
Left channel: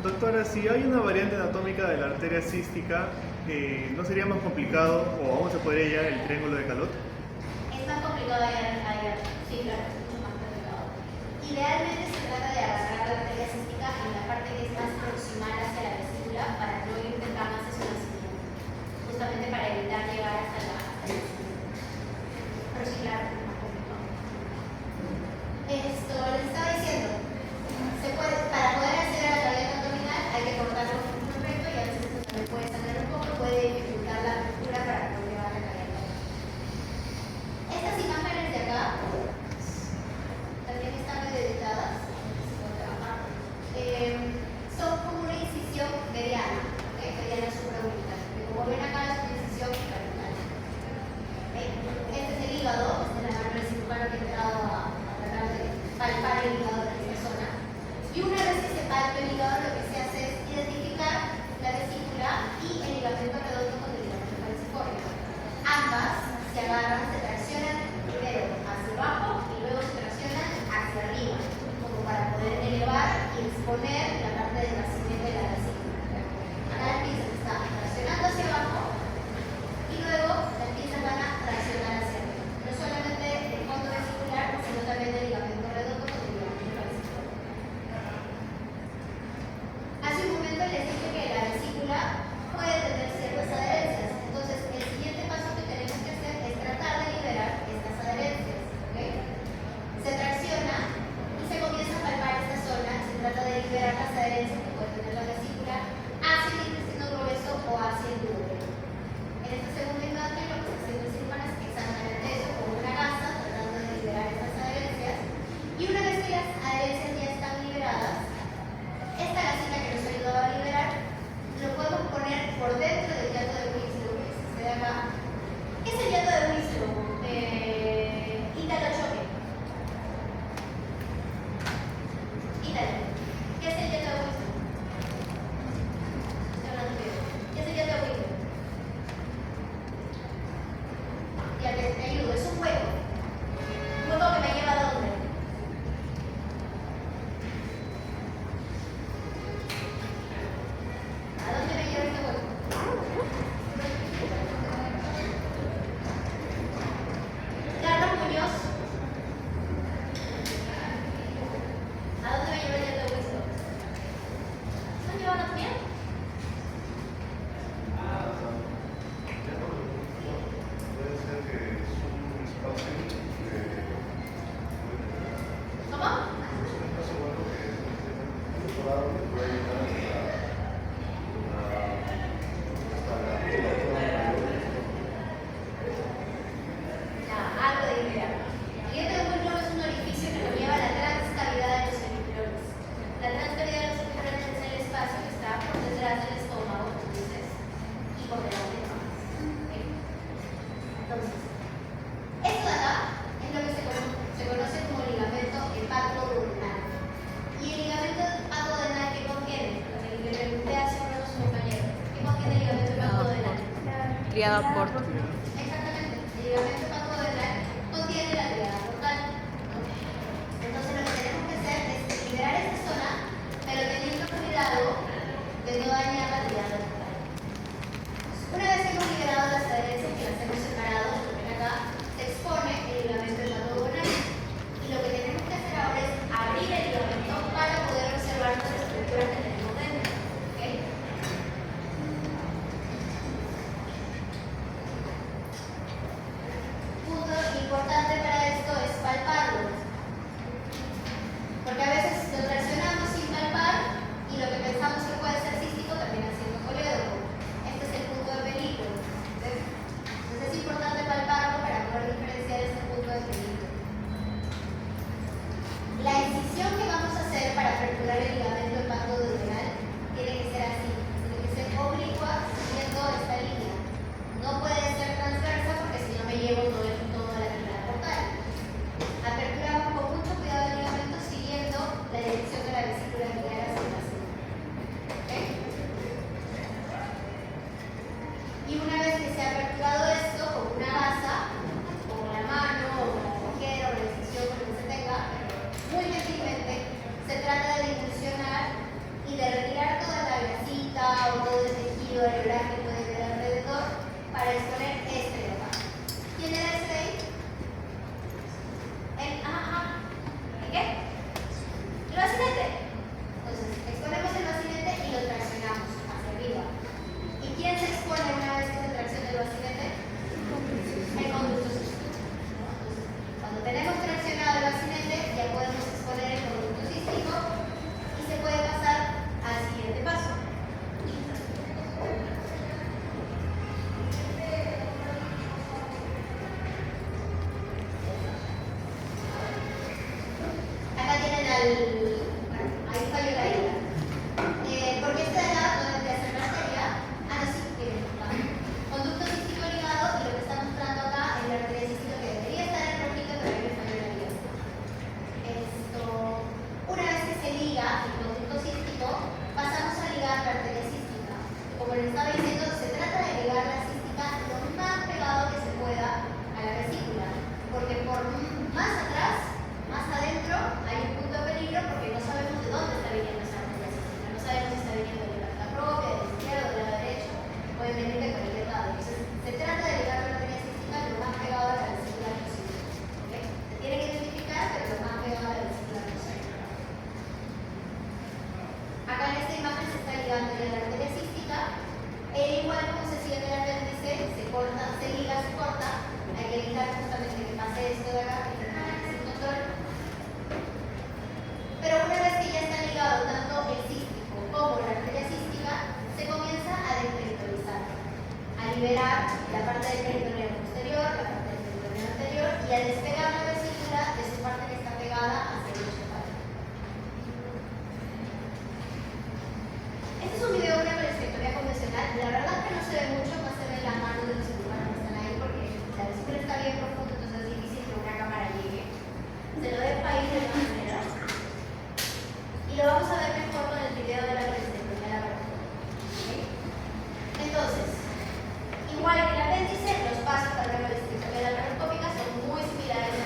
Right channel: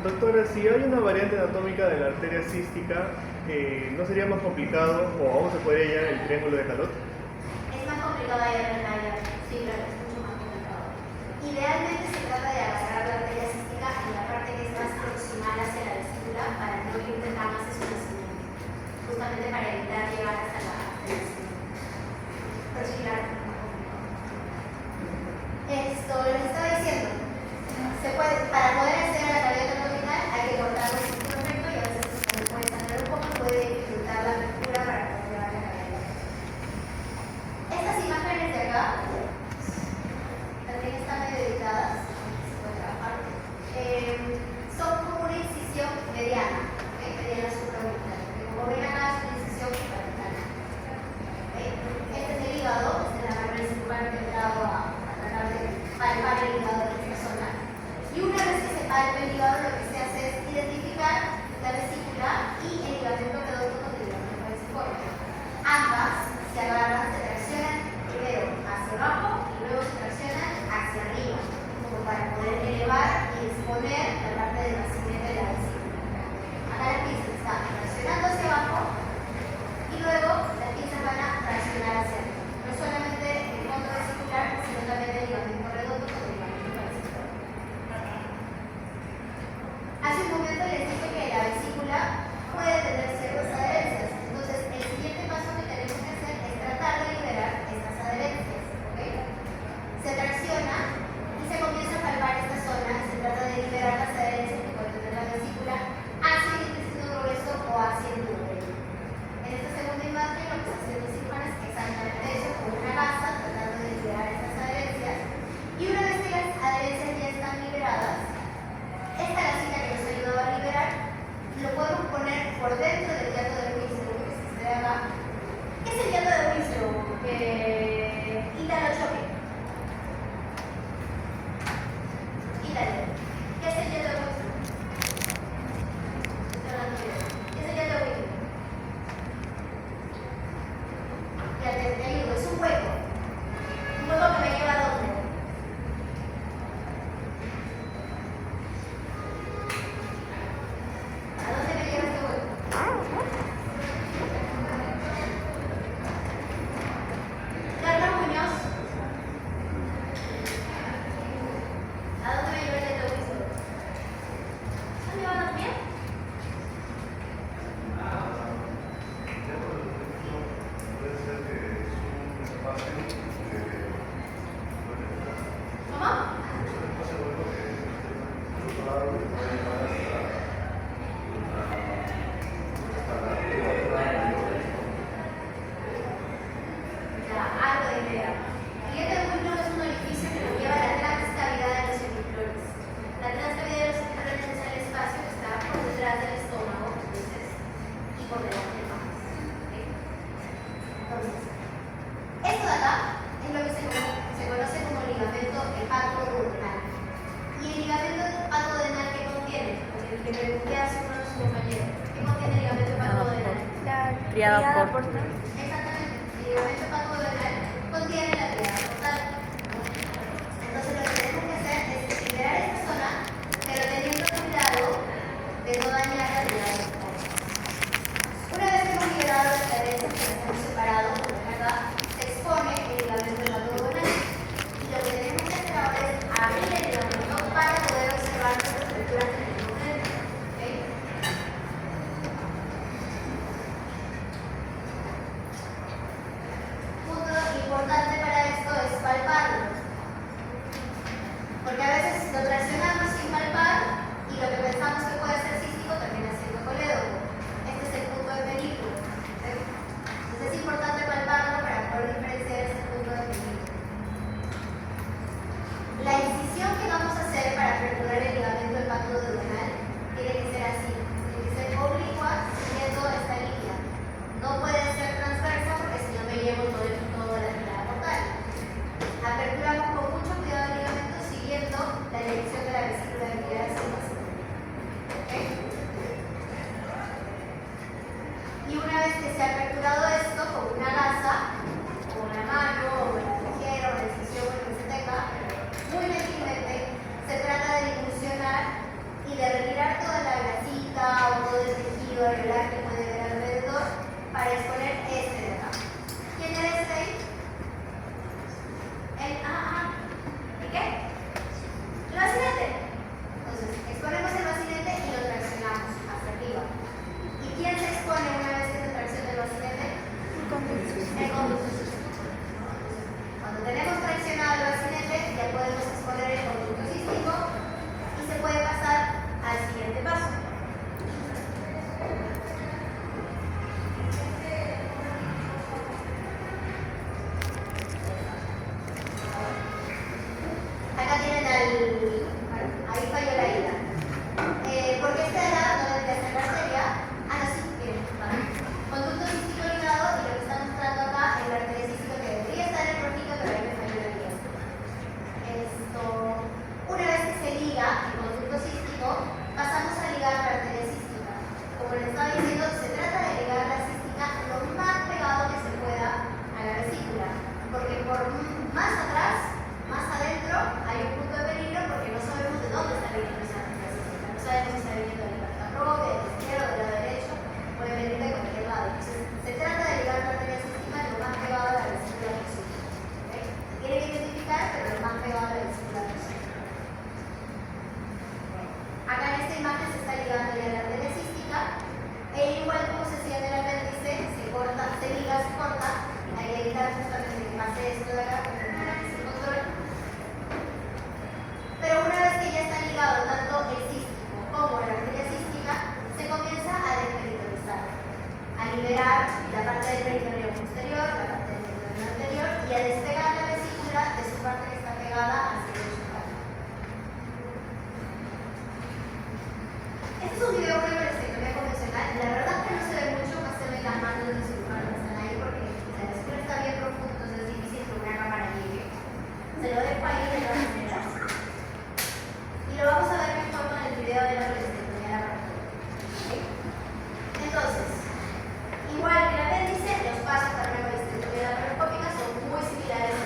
Doctora, si hay una variante anatómica de la arteria cística, ¿no sería más complicado o aún se podría hallar el triángulo de Calot? Es más complicado hallar en el área, sí, claro, es mucho más complicado. Idealmente se trata de agarrar la arteria cística en la parte que es más proximal hacia la vesícula para no intentar más eso, justamente para evitar llegar hasta la triada portal. Exactamente, el ligamento patodural contiene la triada portal. Entonces lo que tenemos que hacer es liberar esta zona, pero teniendo cuidado de no dañar la triada portal. Una vez que hemos liberado las adherencias que las hemos separado, como ven acá, se expone el ligamento hepatoduodenal. Y lo que tenemos que hacer ahora es abrir el ligamento para poder observar las estructuras que tenemos dentro. ¿Okay? Punto importante para esto es palparlo. Porque a veces lo traccionamos sin palpar y lo que pensamos que puede ser cístico termina siendo colédoco. Este es el punto de peligro. ¿Sí? Entonces es importante palparlo para poder diferenciar ese punto de peligro. La incisión que vamos a hacer para perforar el ligamento hepatoduodenal tiene que ser así. Tiene que ser oblicua siguiendo esta línea. No puede ser transversa porque si no me llevo todo la triada portal. Aperturamos con mucho cuidado el ligamento siguiendo la dirección de la vesícula biliar hacia el vacío. ¿Okay? Y una vez que se ha aperturado esto con una gasa, o con la mano, o con la tijera, o la incisión con que se tenga, muy gentilmente se trata de dilucionar y de retirar toda la grasita o todo el tejido regular que puede haber alrededor para exponer este de acá. ¿Quién era este ahí? ¿Qué? El bacinete. Entonces, exponemos el bacinete y lo traccionamos hacia arriba. ¿Y quién se expone una vez que se tracciona el bacinete? El conducto cístico. Cuando tenemos traccionado el bacinete, ya podemos exponer el conducto cístico y se puede pasar al siguiente paso. Acá tienen bueno, ahí falló la ida. Porque esta edad no debería ser la arteria. No, sí, miren, vale. Conducto cístico ligado y lo que está mostrando acá es la arteria cística que debería estar en rojito, pero ahí me falló la ida. Una vez que se liga el conducto cístico, pasamos a ligar la arteria cística. Como les estaba diciendo, se trata de ligar la cística lo más pegado que se pueda a la vesícula, porque por más atrás, más adentro, hay un punto de peligro porque no sabemos de dónde está viniendo esa arteria cística. No sabemos si está viniendo de la parte propia, de la izquierda, de la derecha, puede venir de cualquier lado. Entonces, se trata de ligar la arteria cística lo más pegado a la vesícula posible. ¿Okay? Se tiene que identificar, pero lo más pegado a la vesícula posible. Acá en esta imagen se está ligando ya la arteria cística, e igual como se hacía en el apéndice, se corta, se liga, se corta. Hay que evitar justamente que pase esto de acá, porque no es un control. Pero una vez que ya están ligados tanto el cístico como la arteria cística, se comienza a desperitoneizar, a liberar la parte del peritoneo posterior, la parte del peritoneo anterior y a despegar la vesícula de su parte que está pegada hacia el hecho. Este es un video de una vasectomía convencional. La verdad es que no se ve mucho, más se ven las manos del cirujano que están ahí porque la vesícula está bien profunda, entonces es difícil que una cámara llegue. Se lo dejo ahí de todas maneras. Y lo vamos a ver mejor con el video de la vasectomía laparoscópica. ¿Okay? Entonces, igual que el apéndice, los pasos para la vasectomía laparoscópica son muy similares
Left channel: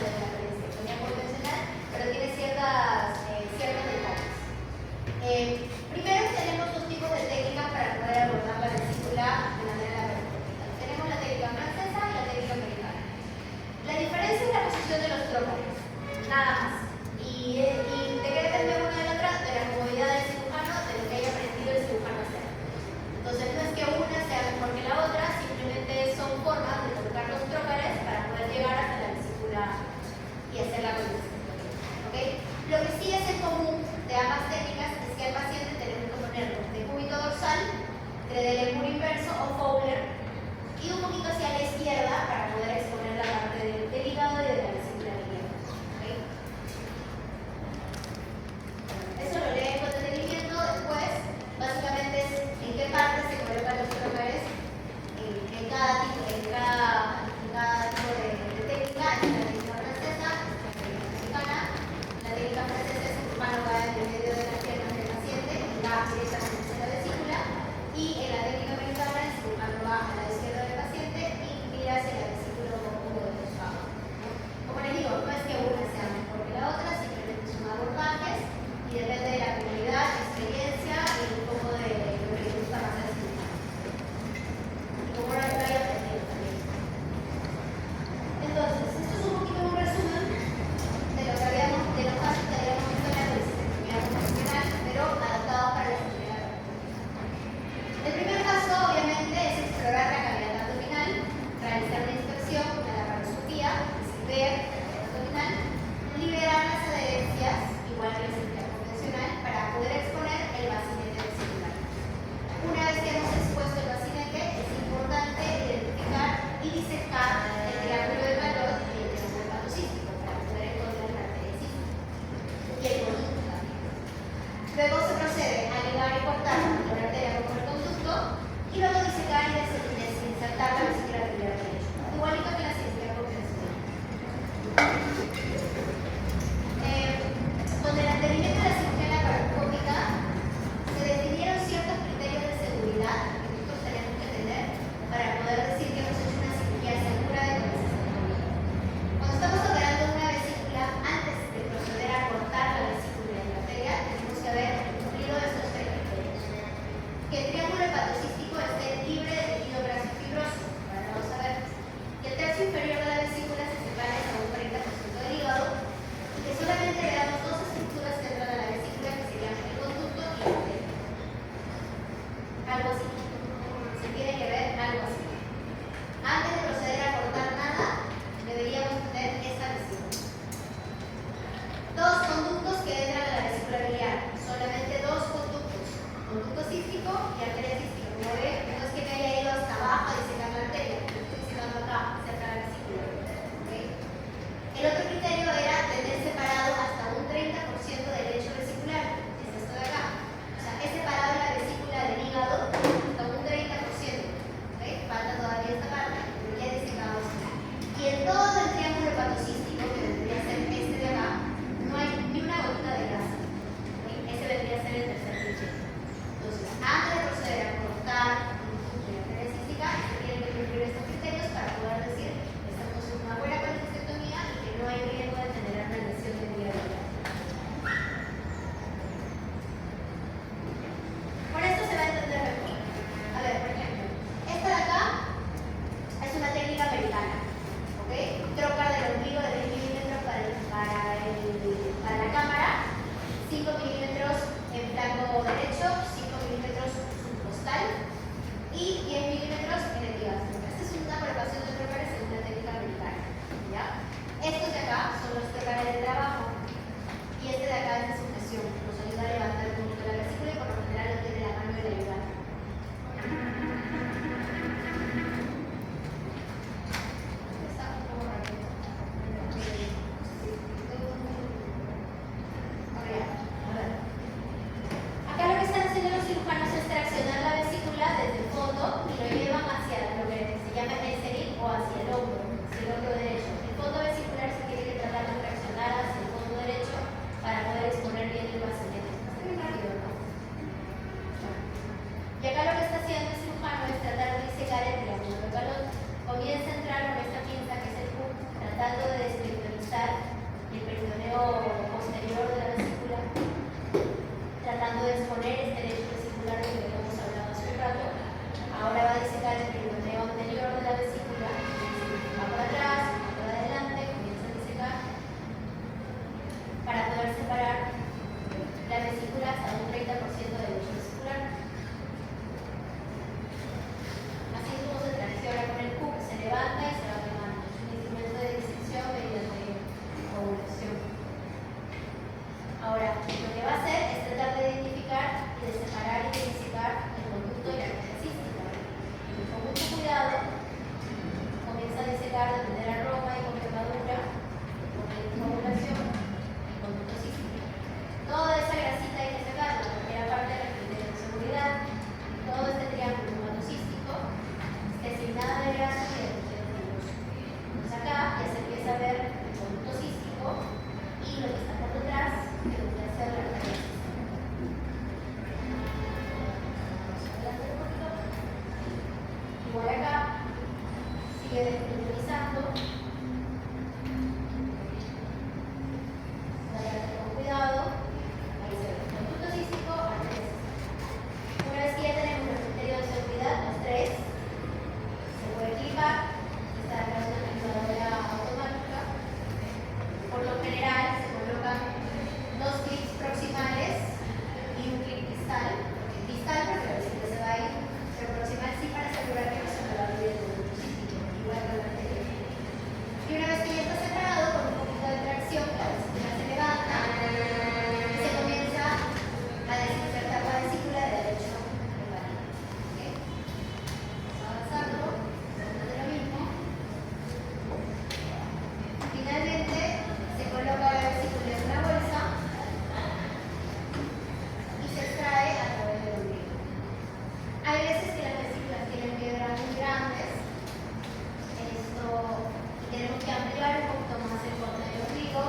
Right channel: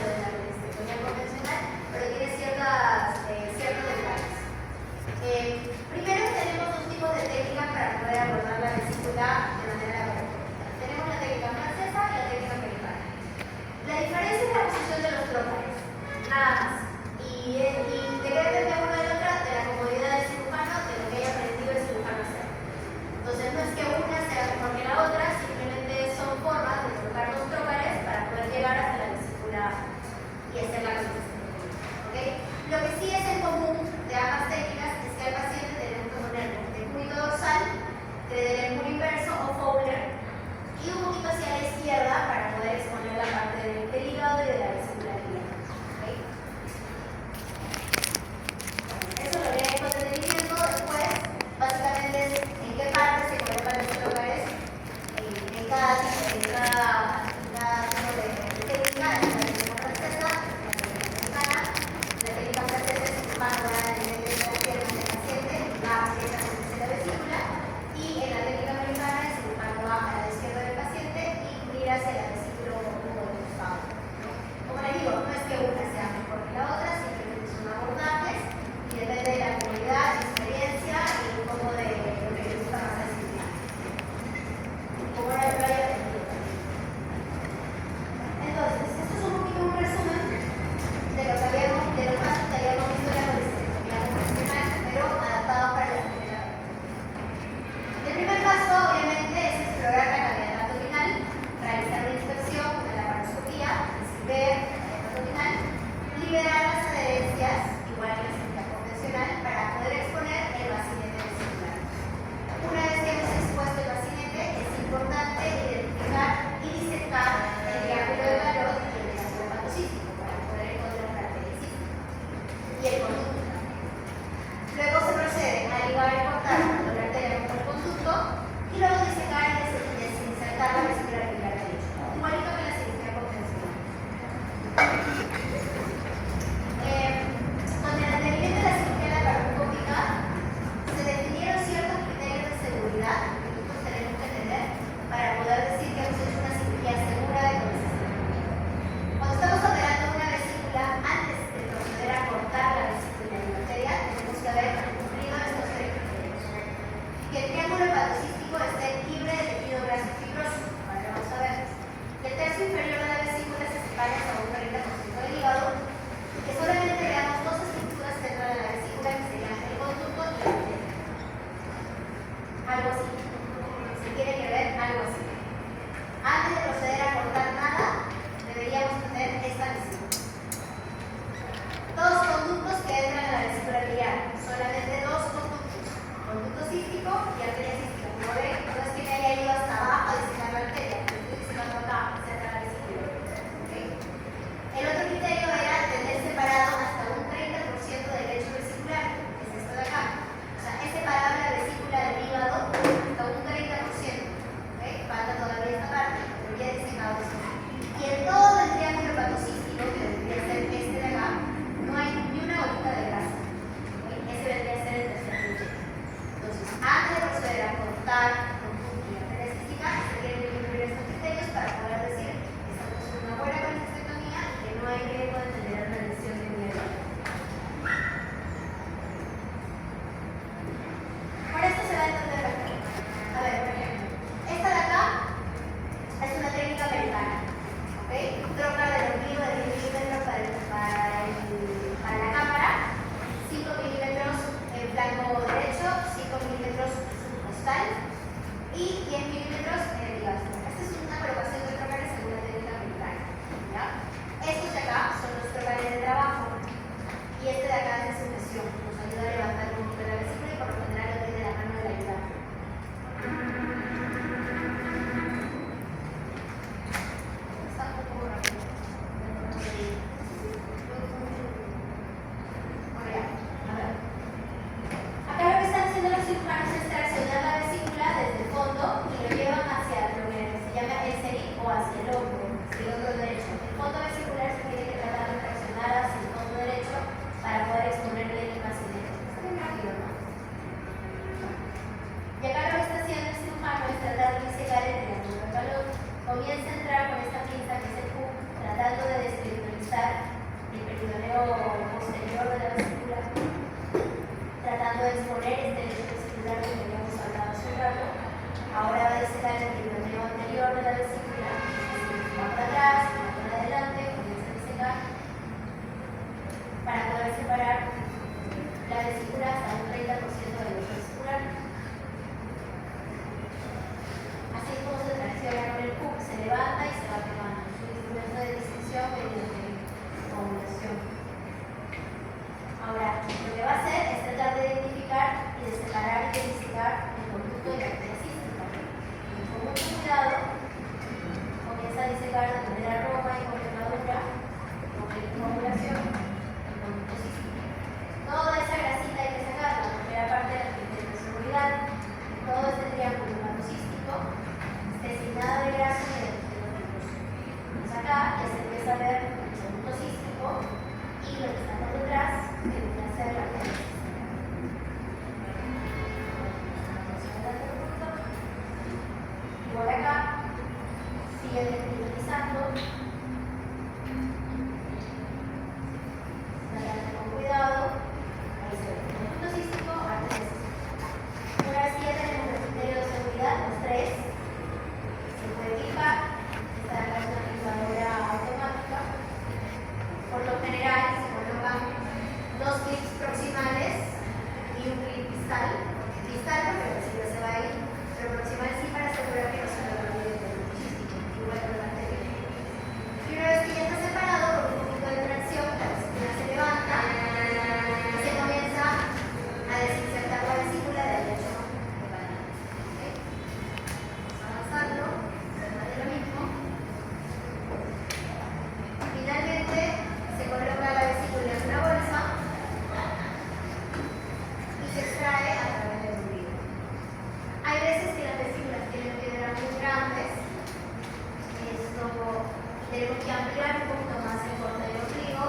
que ampliar un poquito más el corte del ombligo,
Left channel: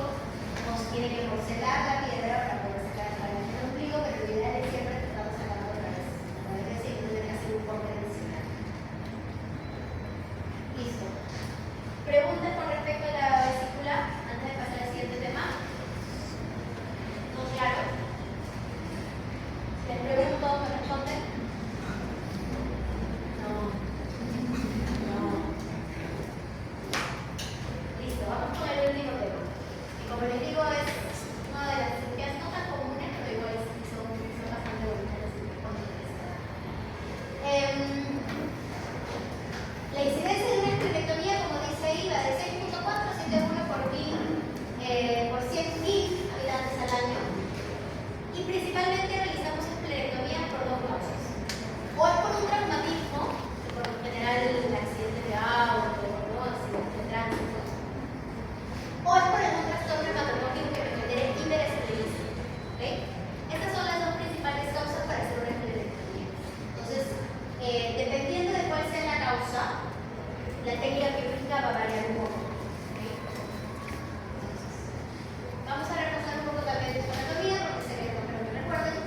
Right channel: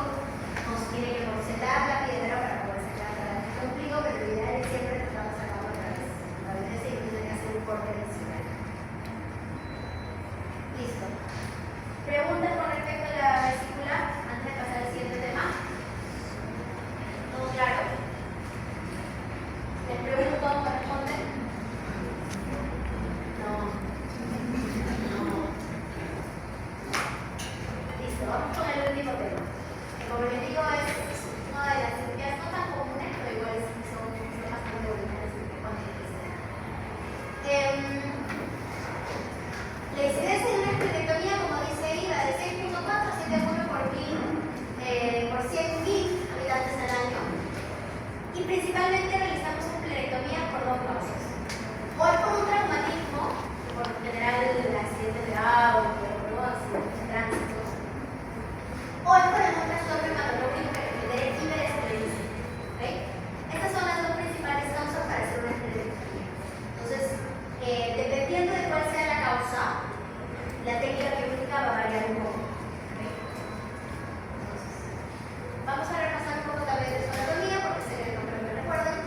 nos tiene que porcelar la piedra para poder sacar claramente el ombligo, pero lo ideal es siempre tratar de sacarlo otra vez. A veces sí, tiene que hacer un corte encima. Listo. Preguntas con respecto a la vesícula antes de pasar al siguiente tema. ¿Todo claro? ¿Les pregunto cómo responden? No. Listo, vamos con el último tema. Como les digo, es una de las cirugías no tan comunes, pero igual son bastante bonitas, así que cuando la incidencia de una esterectomía, como dice ahí, va de 6.471 por 100.000 habitantes al año. Y principalmente realizamos esterectomía por dos causas. O es por un traumatismo, por lo general el accidente de auto, o accidente de tránsito. O es por algún trastorno hematológico que requiere hiperesclerosis. ¿Okay? Estas son las dos principales causas para hacer una esterectomía. Entonces, dependiendo de cuál sea la causa, la técnica quirúrgica va a variar un poco. ¿Okay? Entonces, vamos a repasar un poco también de su anatomía, porque sé que no me recuerdan.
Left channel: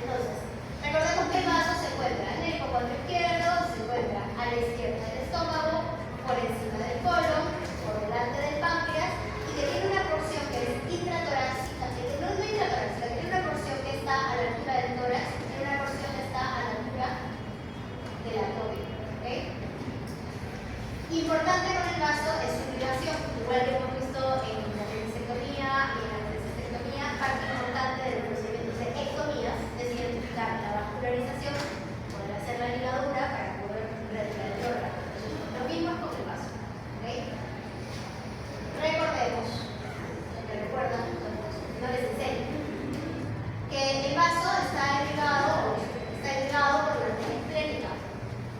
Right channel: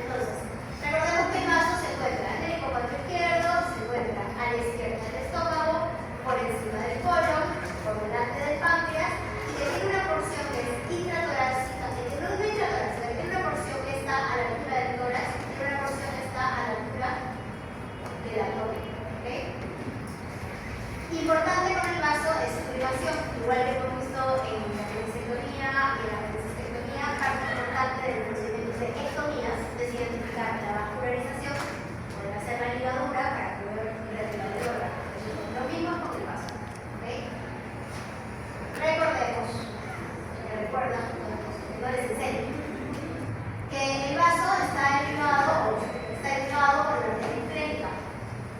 Entonces, recordemos que el vaso se encuentra en el hipocondrio izquierdo, se encuentra a la izquierda del estómago, por encima del colon, por delante del páncreas, y que tiene una porción que es intratorácica, no es intratorácica, que tiene una porción que está a la altura del tórax y tiene una porción que está a la altura del abdomen. ¿Okay? Importante con el vaso es su privación, igual que hemos visto en la apendicectomía y en la apendicectomía, parte importante del procedimiento de ectomías es identificar la vascularización, poder hacer la ligadura para poder retirar el órgano. Lo mismo con el vaso. ¿Okay? Recordemos, me recuerdan, no les enseño, que el vaso está irrigado por la arteria esclénica.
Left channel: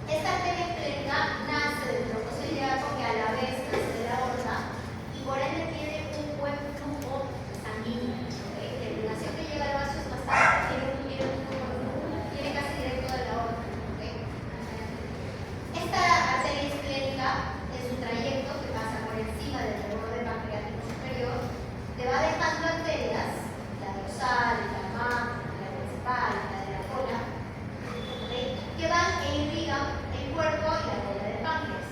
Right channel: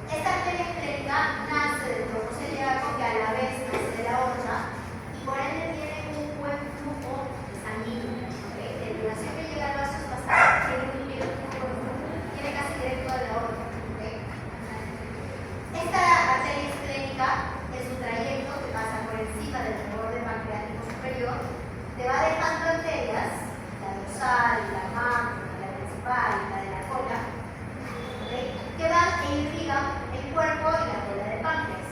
Esta arteria esclénica nace del tronco celíaco, que a la vez nace de la aorta y por ende tiene un buen flujo sanguíneo. ¿Okay? La irrigación que llega al vaso es bastante, tiene casi directo a la aorta. ¿Okay? Esta arteria esclénica es un trayecto que pasa por encima del borde pancreático superior, te va dejando arterias, la dorsal, la macro, la principal, la de la cola, ¿okay? Que van e irrigan el cuerpo y la cola del páncreas.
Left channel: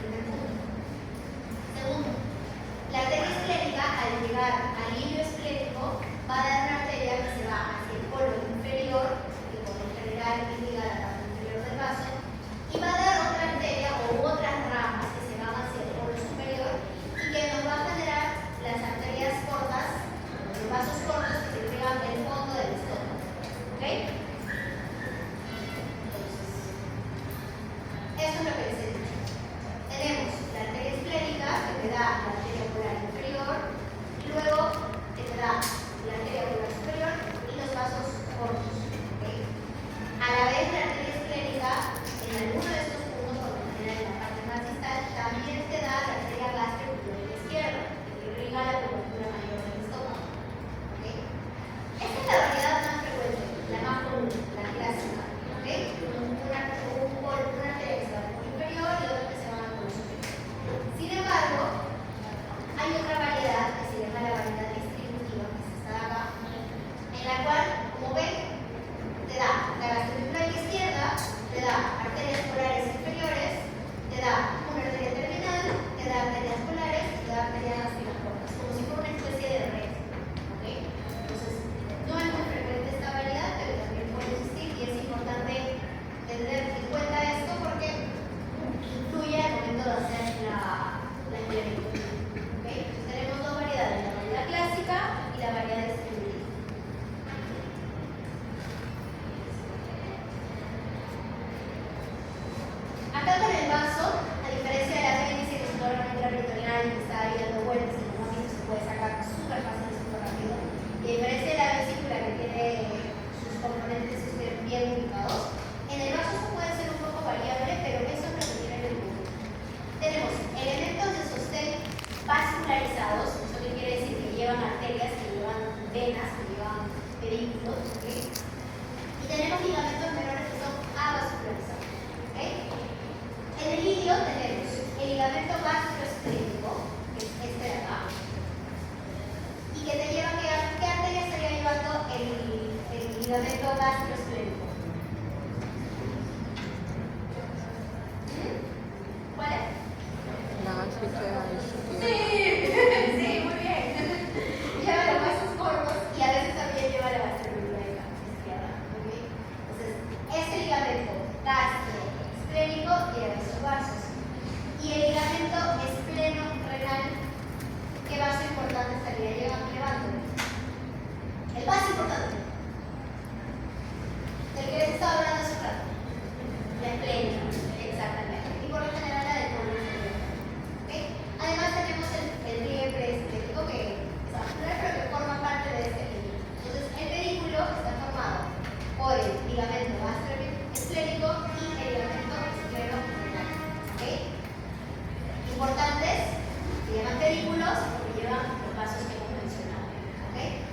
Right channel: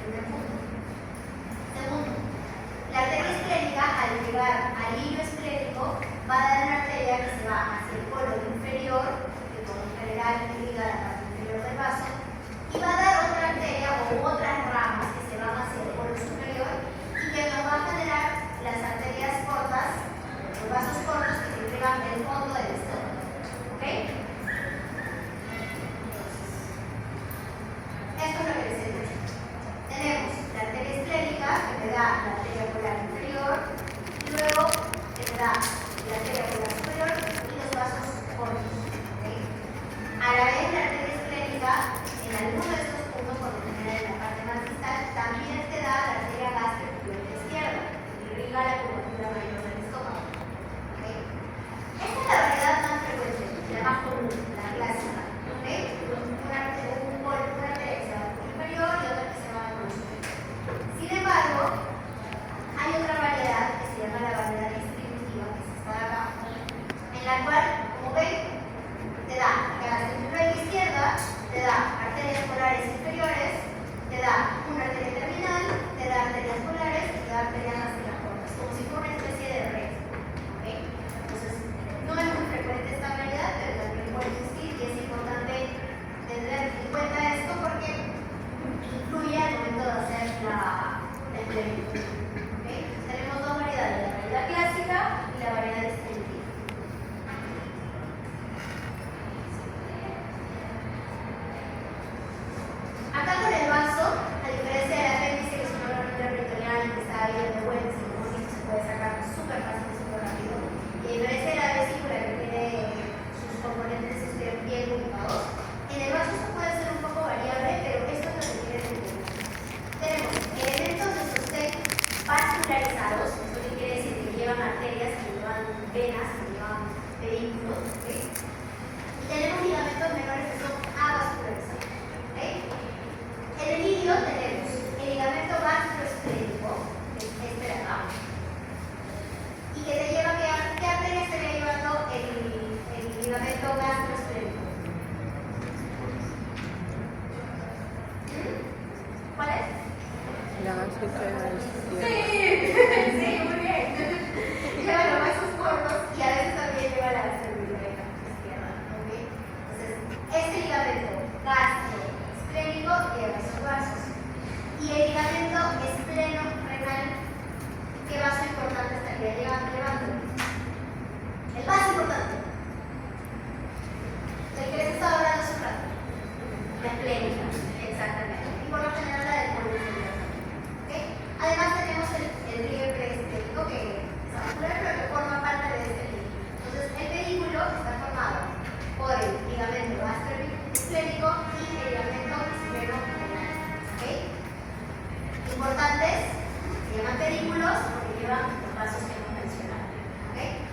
Primer punto. Segundo, la arteria esclénica, al llegar al hilo esclénico, va a dar una arteria que se va hacia el colon inferior, que por lo general irriga la parte inferior del vaso, y va a dar otra arteria o otras ramas que se van hacia el colon superior y que nos va a generar las arterias cortas, los vasos cortos que irrigan el fondo del estómago. ¿Ok? Esto es lo que les he dicho. Tenemos la arteria esclénica, que te da la arteria ocular inferior, y luego que te da la arteria ocular superior y los vasos cortos. ¿Okay? A la vez, la arteria esclénica, en alguno de estos puntos, por lo general en la parte más distal, también te da la arteria gástrica izquierda, que irriga la curvatura mayor del estómago. ¿Okay? Esta es la variedad más frecuente, la más común, la clásica. ¿Okay? Una arteria que se va a la inferior y otra que se va a la superior. Sin embargo, la izquierda. Sí, muy bien. Lleva los huesos cortos y a veces también lleva la gastrocnemica izquierda. ¿Ok? Entonces, este ligamento gastroesplénico lleva esos vasos. Y el ligamento espleno-renal, ¿qué vaso importante estaría llevando? El vaso importante. Del que les estaba hablando hace un rato. La esplénica, exactamente. Y por lo general la del colon inferior. ¿Okay? Además tenemos el río preesplénico que es vascular, pero que forma parte de este líquido. Entonces, el pedículo está formado por el ligamento gastroesplénico y el ligamento espleno-renal. ¿Okay? Importantes, se llaman pedículos porque llevan los vasos que hemos mencionado. ¿Okay?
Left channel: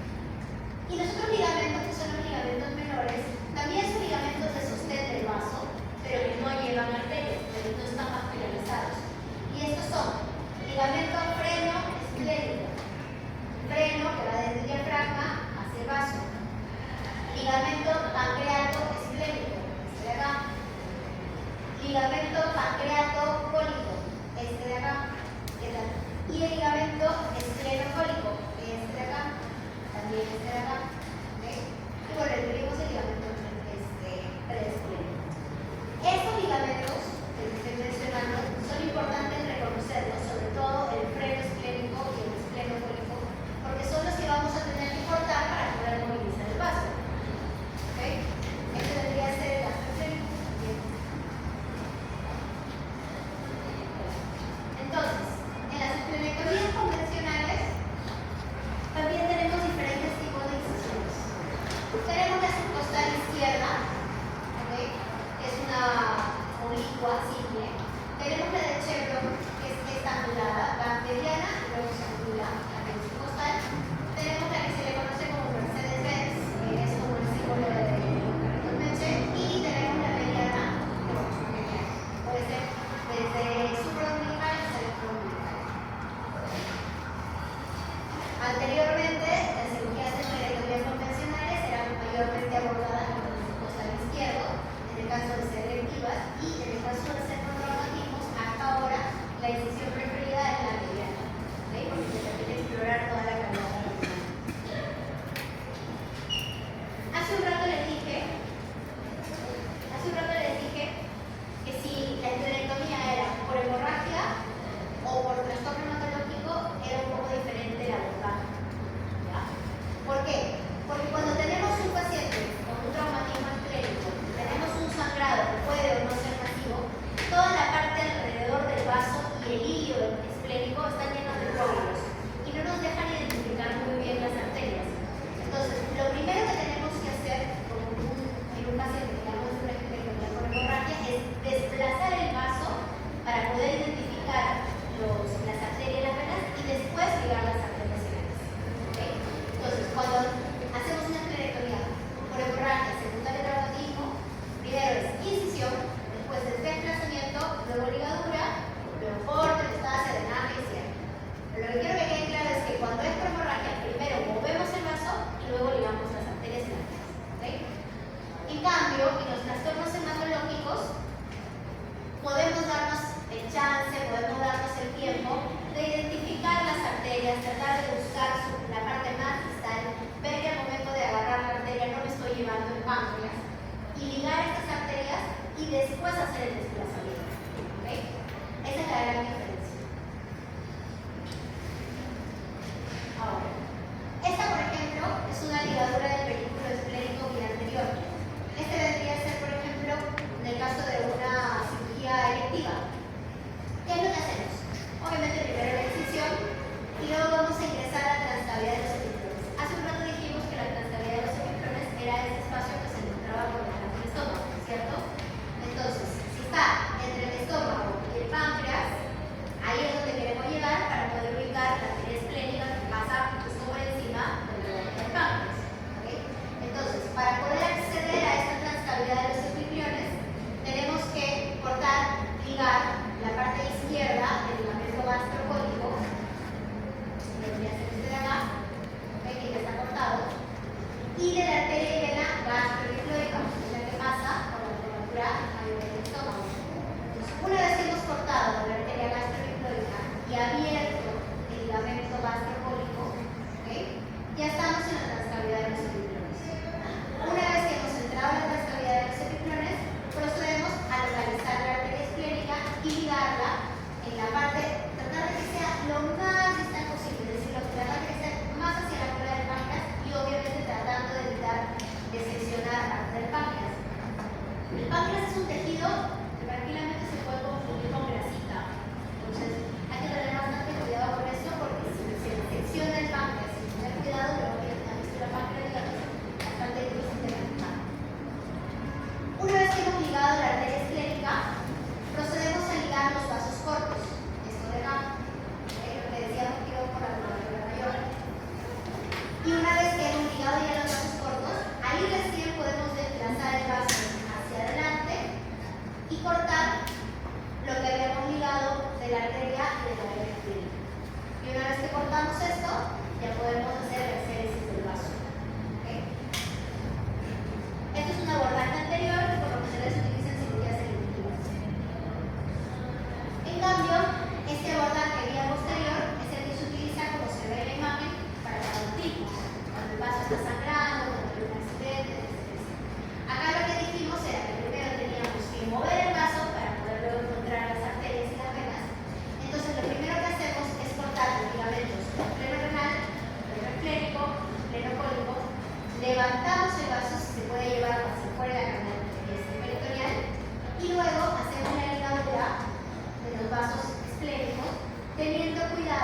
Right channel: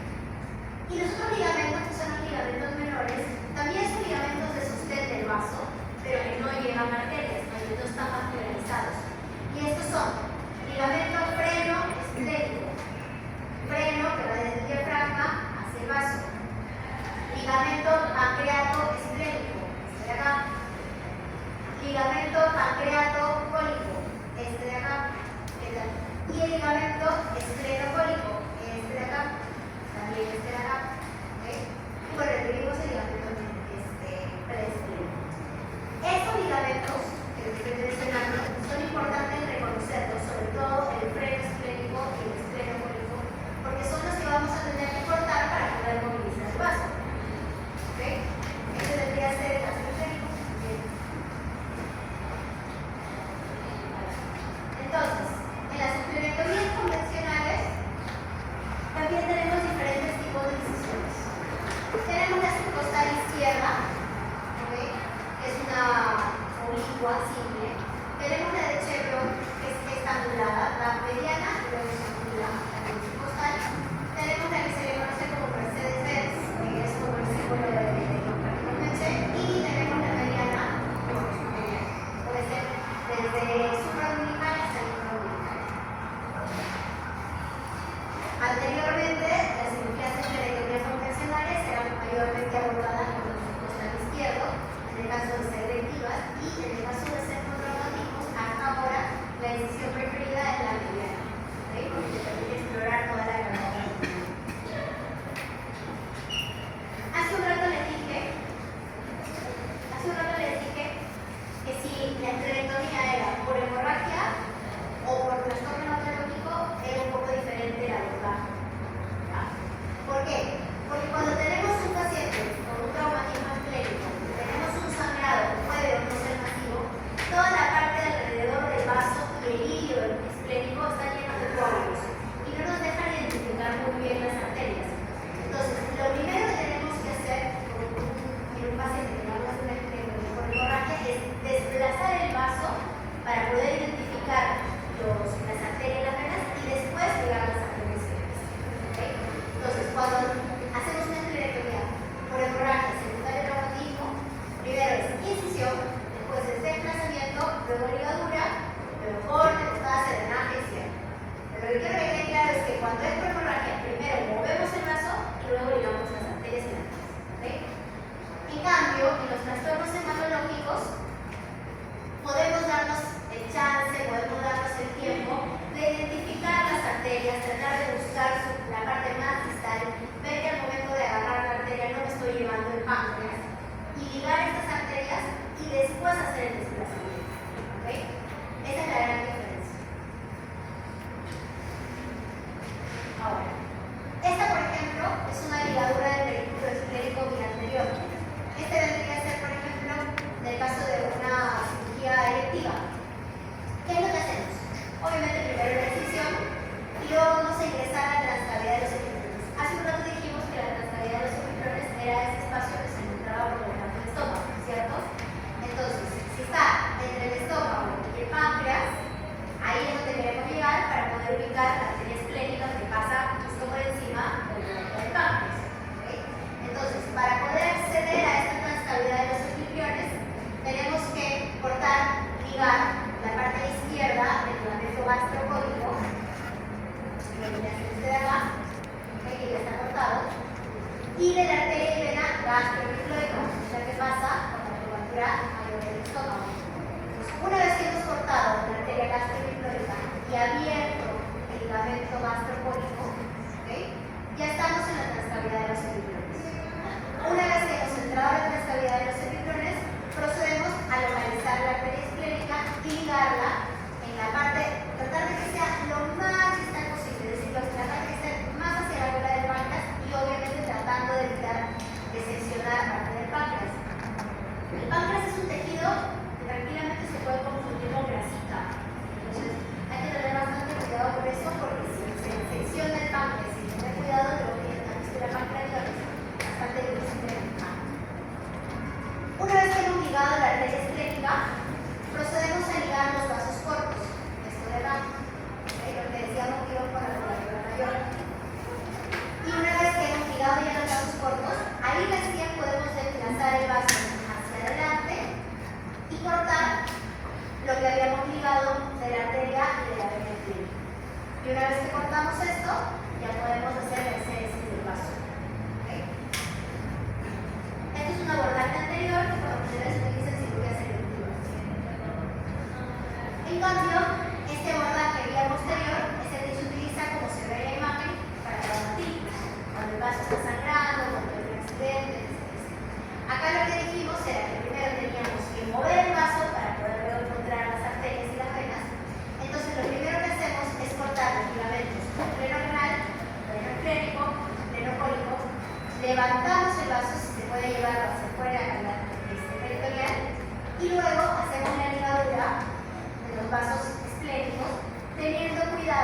Y los otros ligamentos, que son los ligamentos menores, también son ligamentos de sostén del vaso, pero que no llevan arterias, porque no están marginalizados. Y estos son ligamento freno-esplénico, freno que va desde el diafragma hacia el vaso, ligamento pancreato-esplénico, este de acá, ligamento pancreato-cólico, este de acá, y el ligamento espleno-cólico, este de acá, también este de acá. ¿Okay? Y bueno, referimos el ligamento preesplénico. Estos ligamentos que les estoy mencionando son importantes reconocerlos, sobre todo el freno esplénico y el espleno-cólico, porque son los que vamos a tener que cortar para poder movilizar el vaso. ¿Okay? Este debería ser el gastroesplénico. Entonces, en las esplenectomías convencionales también tenemos diferentes tipos de incisiones. Tenemos la subcostal izquierda, ¿okay? Que es una oblicua simple. Tenemos la de Chevron, que es estangulada, la mediana y luego se angula la subcostal. Tenemos la que se le conoce como Mercedes-Benz, que es como el símbolo de carrito leche. Y tenemos la mediana, puede ser desde supraumbilical hasta el infraumbilical. Anteriormente, las cirugías de esplenectomía convencionales eran mayormente abordadas con el costal izquierdo, en el caso de ser electivas, y en el caso de ser con traumatismos, hasta ahora la decisión preferida es la mediana, ¿okay? Porque te permite explorar toda la carrera. Hace un rato les dije que si la esplenectomía era por hemorragia o por trastorno hematológico, era un poco diferente el abordaje. ¿Ya? ¿Por qué? Porque cuando tenemos un paciente con un traumatismo esplénico, tenemos un sangrado que puede o no ser masivo, toda la parte alrededor del vaso y el hilo esplénico están llenos de coágulos y no nos dejan identificar muy bien las arterias. Entonces, lo primero que tenemos que hacer en un paciente que no es una esplenectomía por hemorragia es desplazar el vaso para poder identificar las arterias y las venas y después llegar a las arterias y venas. ¿Okay? Entonces, cuando hacemos una esplenectomía por hemorragia secundaria de traumatismo, primero es incisión, después es desplazamiento, luego ligadura, luego corte, metástasis, drenaje y cierre. Pero lo que quiero que quede claro es que cuando es por hemorragia, primero movemos el vaso y luego ligamos las arterias y las venas. ¿Okay? En cambio, en los trastornos hematológicos, podemos darnos el chance, podemos darnos el tiempo de identificar las arterias, tratar de buscar la parte más distal, ver que al momento de agarrar la arteria no me estoy llevando el páncreas y ligar estas arterias y después hacer el desplazamiento. ¿Okay? Esa es la gran diferencia. Ahora, esta por ejemplo es una ligadura del pedículo esplénico bianterior. Este vendría a ser por ejemplo en el caso de una cirugía electiva. ¿Qué es lo que hacemos? Obviamente primero la incisión y luego vamos a ingresar a la transcavidad de los efectores. Hace un rato dijimos que la transcavidad de los efectores era ese espacio que se encontraba por detrás del estómago, ¿cierto? Entonces, si está entre el estómago y el páncreas, ahí es donde queremos llegar para poder ubicar la arteria esplénica que pasa justo por encima del páncreas. ¿Okay? Entonces, para poder acceder a esta transcavidad de los efectores, tenemos que cortar, ligar la parte izquierda del ligamento gastrocólico, que ya se de acá, ¿okay? Que ya está cortado, y de la arteria y vena gastroepifloica, la que pasa por la curvatura mayor del estómago. Entonces, una vez que hemos cortado la arteria gastroepifloica y abierto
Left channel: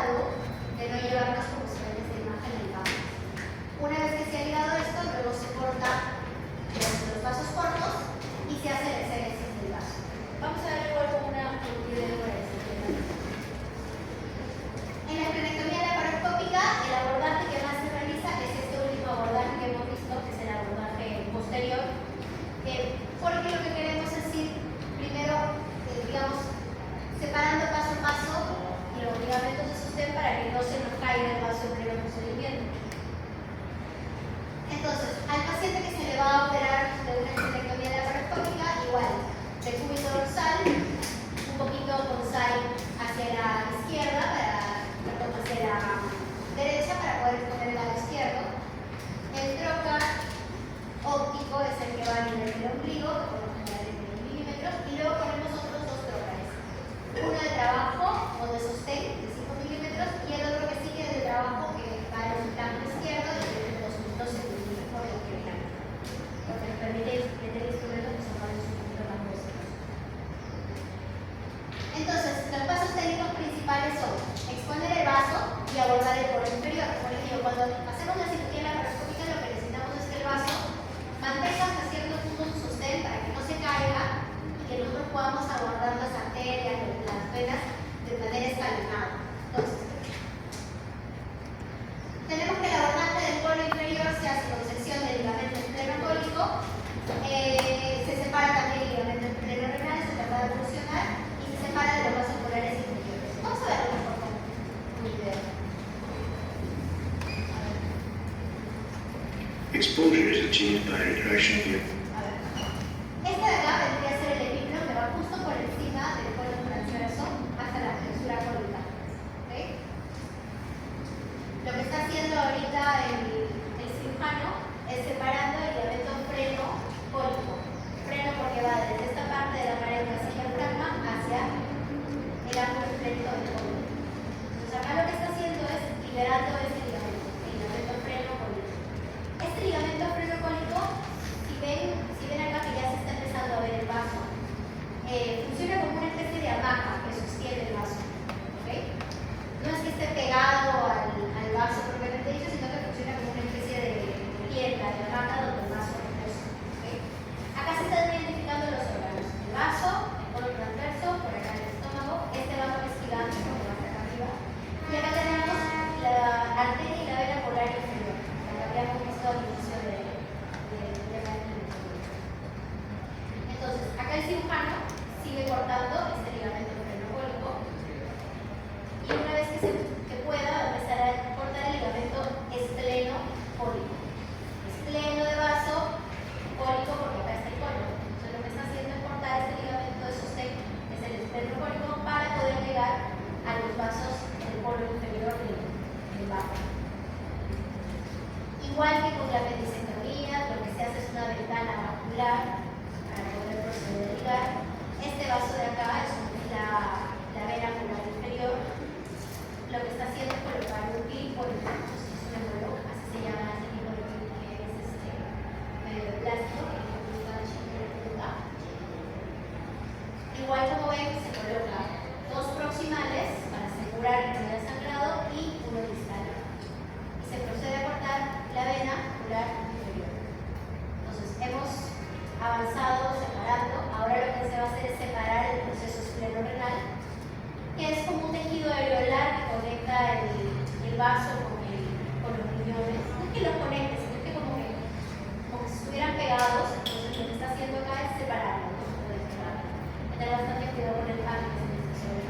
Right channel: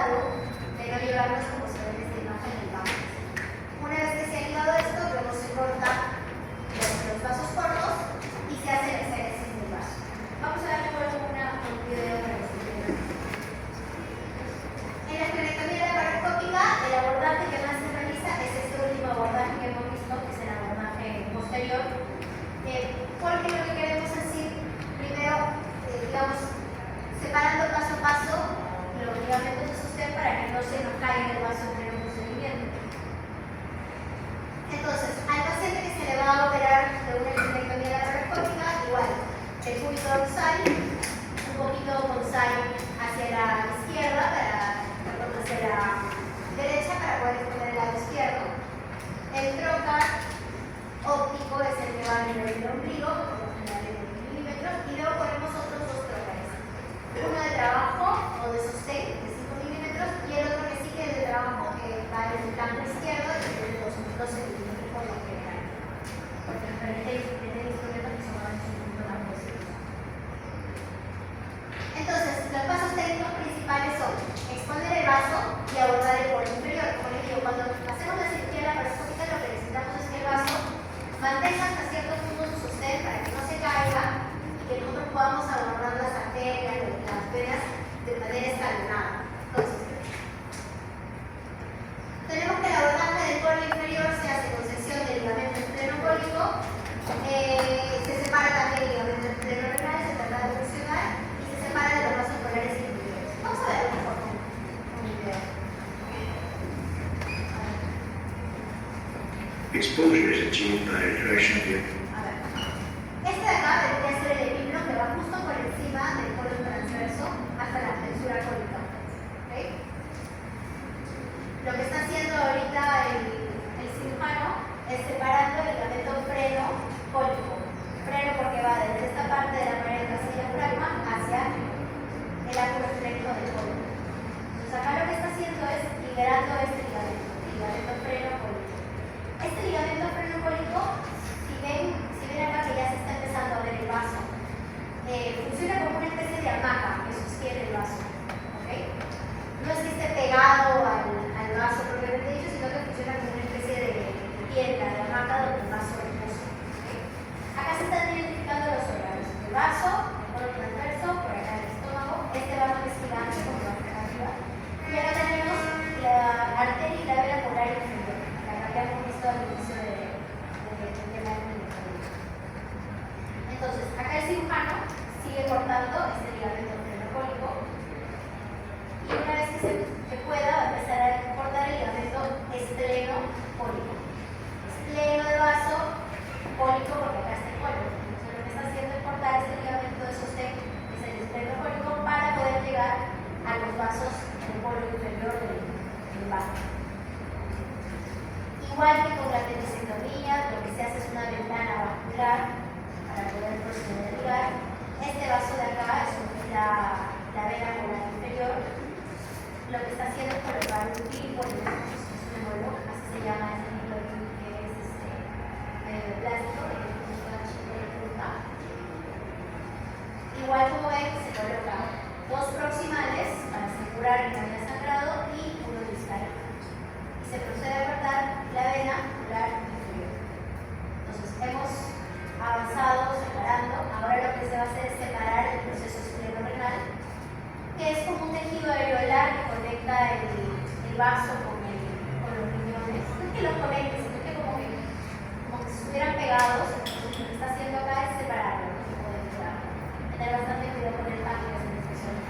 cuidado de no llevarlos como se ve en esta imagen del vaso. Una vez que se ha ligado esto, luego se corta los vasos cortos y se hace la exégesis del vaso. Vamos a darle luego un video para decirle. En la esplenectomía laparoscópica, el abordaje que más se realiza es este último abordaje que hemos visto, que es el abordaje posterior, porque lo que queremos es ir primero, digamos, separando paso a paso los ligamentos de sostén para que no se nos caiga el vaso en el procedimiento. Entonces, al paciente que se le va a operar de una esplenectomía laparoscópica, igual, el cúbito dorsal, un poquito con sal hacia la izquierda, hacia la derecha para poder poner el lado izquierdo. El trocar óptico es el que va a nivel del ombligo, que por lo general es 10 milímetros, y luego ponemos otros dos trócares. Uno de trabajo o de sostén de 5 milímetros y el otro que sí que es de trabajo que va en el flanco izquierdo y tiene 2.2 centímetros por lo general. Porque nos permite instrumentos que se mueven un poquito más posibles. Entonces, los pasos técnicos principales son exponer el vaso y abordar el borde inferior. Como les digo, cuando hacemos la cirugía laparoscópica lo que necesitamos es que el vaso mantenga hasta cierto punto su sostén para que no se caiga y que nosotros podamos abordar las arterias, las venas de manera escalonada. Entonces, tenemos que el abordaje del borde inferior se hace con sección del ligamento estrenocólico, se separa también el ligamento esternocrenal, se trata de evolucionar y se separa de los vasos polares inferiores. Vamos a verlo mejor con un video. Exposure is achieved by retraction of the A ver. Este de acá vendría a ser el epiplo que va justo por encima del colon transverso hasta la flexura cólica. ¿Okay? Lo que está haciendo ahorita el cirujano es separando el ligamento freno cólico. Freno porque va desde esta parte de la pared hacia el diafragma hacia el ángulo recto del colon. Entonces acá lo que está haciendo es liberando este ligamento, el ligamento freno cólico. Este ligamento freno cólico, si ven acá que ya se está empezando a ver el vaso, funciona como una especie de hamaca que sostiene el vaso. ¿Okay? No es que esté pegado al vaso propiamente dicho, sino que funciona como una especie de tienda, de hamaca donde el vaso reposa. ¿Okay? Acá se están identificando los órganos. El vaso, el colon transverso, por acá el estómago, este vaso es gigante porque va hasta acá arriba. Y acá tenemos la arteria y la vena polar inferior. Acá habíamos visto al inicio de la anatomía. Entonces, acá el cirujano sigue cortando este ligamento frenocólico y una vez que pueda va a empezar a cortar el ligamento estrenocólico. Espleno de vaso, cólico porque acá está el colon. Entonces lo que está haciendo es cortar este ligamento de sostén, que es el estrenocólico, para poder llegar a los vasos del colon inferior del vaso. Igual que con la apendicectomía, lo que se hace es una ventana vascular para poder proceder a ligar. Este vaso de acá es la vena polar inferior. Lo que está haciendo es colocar un clip, es un embolo, así se llama ese tipo de clip que es medio de plástico, que es una chica de punta. Igual como ven, se coloca dos proximales para asegurar que no haya sangrado y uno distal. Y se procede a cortar la vena polar inferior. Entonces, hemos avanzado separando. Ahora lo que se va a hacer es separar el proceso esclerorenal, que es como un tejido areolar que conecta el vaso con los riñones. No es que los conecte, sino que como que si estuvieran pegados. Entonces lo que está haciendo acá es separarlo, no se puede separar. Hay que tener bastante cuidado con el cambio que se necesita.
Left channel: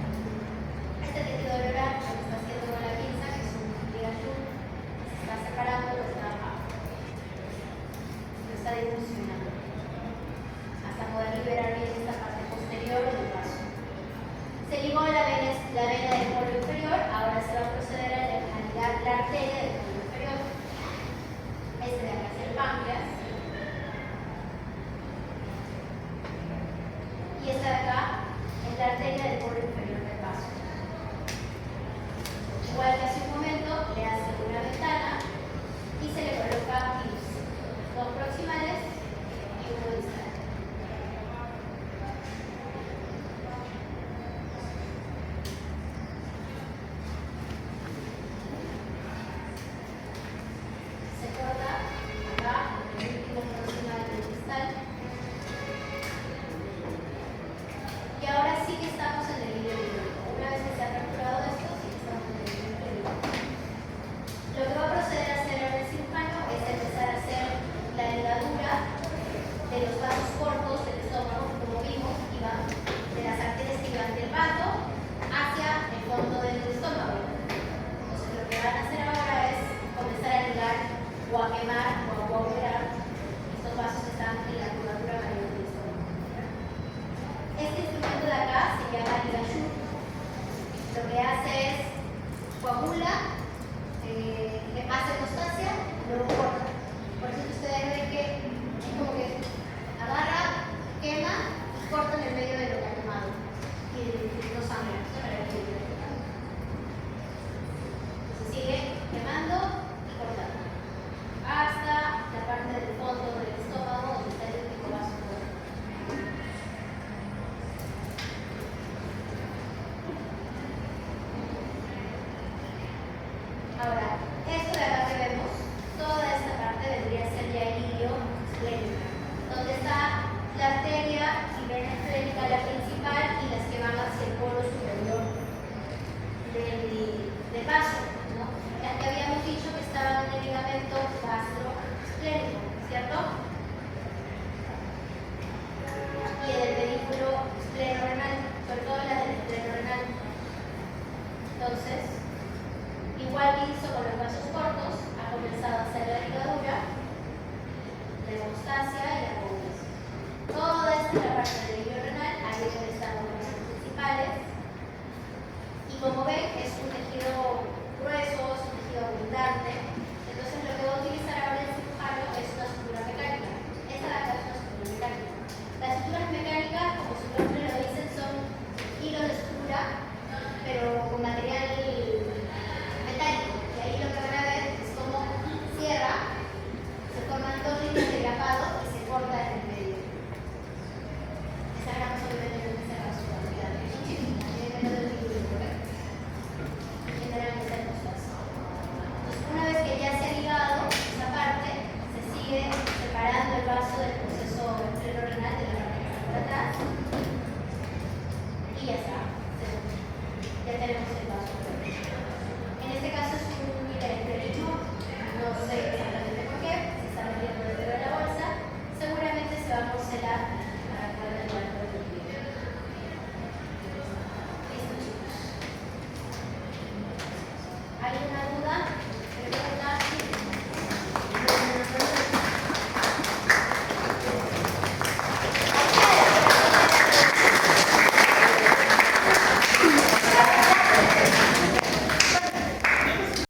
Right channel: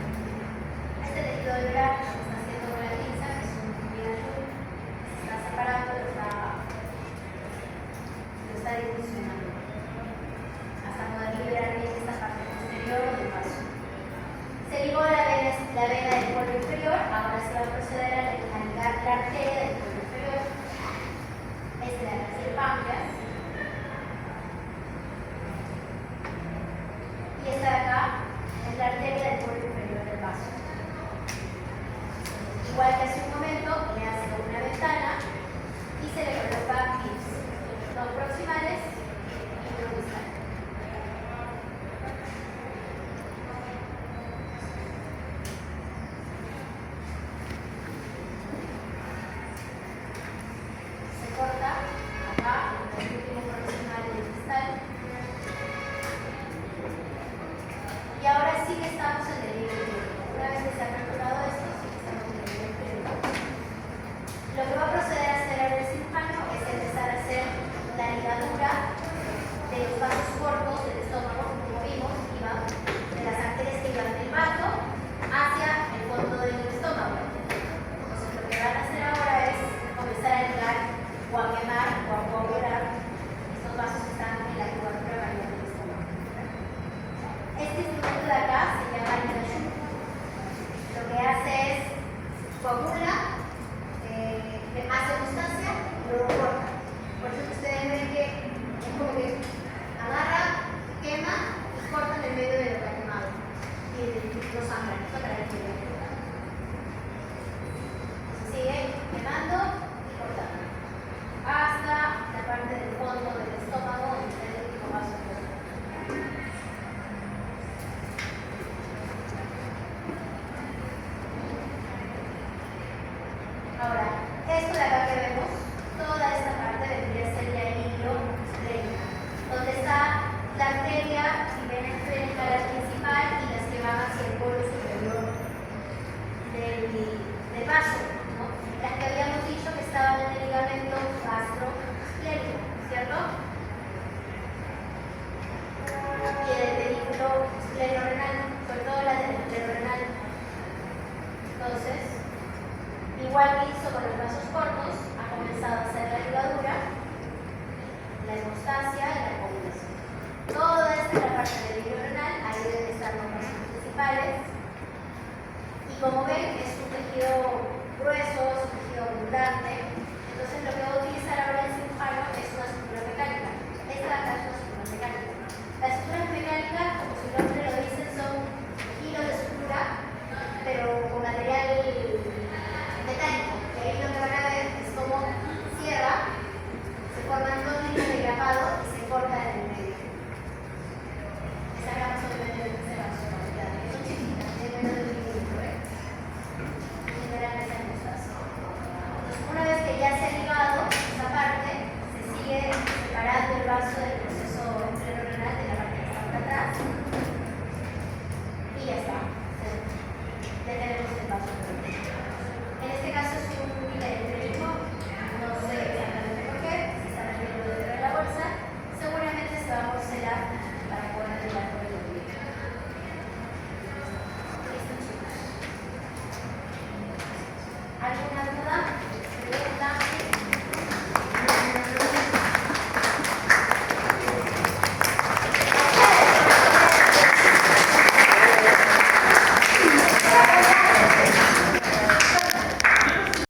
Este tejido areolar lo que está haciendo con la pinza, que es un tejido azul, se está separando, lo está difusionando hasta poder liberar bien esta parte posterior del vaso. Se ligó la vena del polvo inferior, ahora se va a proceder a ligar la arteria del polvo inferior. Este de acá es el páncreas. Y esta de acá es la arteria del polvo inferior del vaso. Igual que hace un momento, le hace una ventana y se le coloca clips. Dos proximales y uno distal. Lo que va a proceder a hacer ahora el cirujano es empezar a hacer la ligadura de los vasos cortos del estómago, como vimos, iban de las arterias que iban del vaso hacia el fondo del estómago. Entonces lo que van a hacer ahora es comenzar a ligar o a quemar o a coagular estos vasos que están en la curvatura mayor del estómago. Este instrumento de acá se llama ligación. Lo que hace es coagula, hace constancia y luego corta. Por eso que ustedes ven que es como que agarra, quema y corta en el medio de lo que ha quemado. Y no sangra, eso para que se sigue quemando y cortando hasta la parte del fondo del estómago donde está el último vaso. Ahora, esto de acá que vemos, toda esta parte vendría a ser ya el hilio esplénico, donde está la arteria y vena esplénica, la principal, y las que van hacia el polo superior del vaso, ¿no? Las que habíamos dicho que estaban en el ligamento gastroesplénico, ¿cierto? Y en el pedículo esplenorenal, sobre todo la del esplenorenal. Entonces, igual que hizo con los vasos cortos, ha comenzado a hacer la ligadura, la hemostasia y la coagulación. Toda esta es la parte del hilio renal, ahí deben estar los vasos principales. Y como ven, es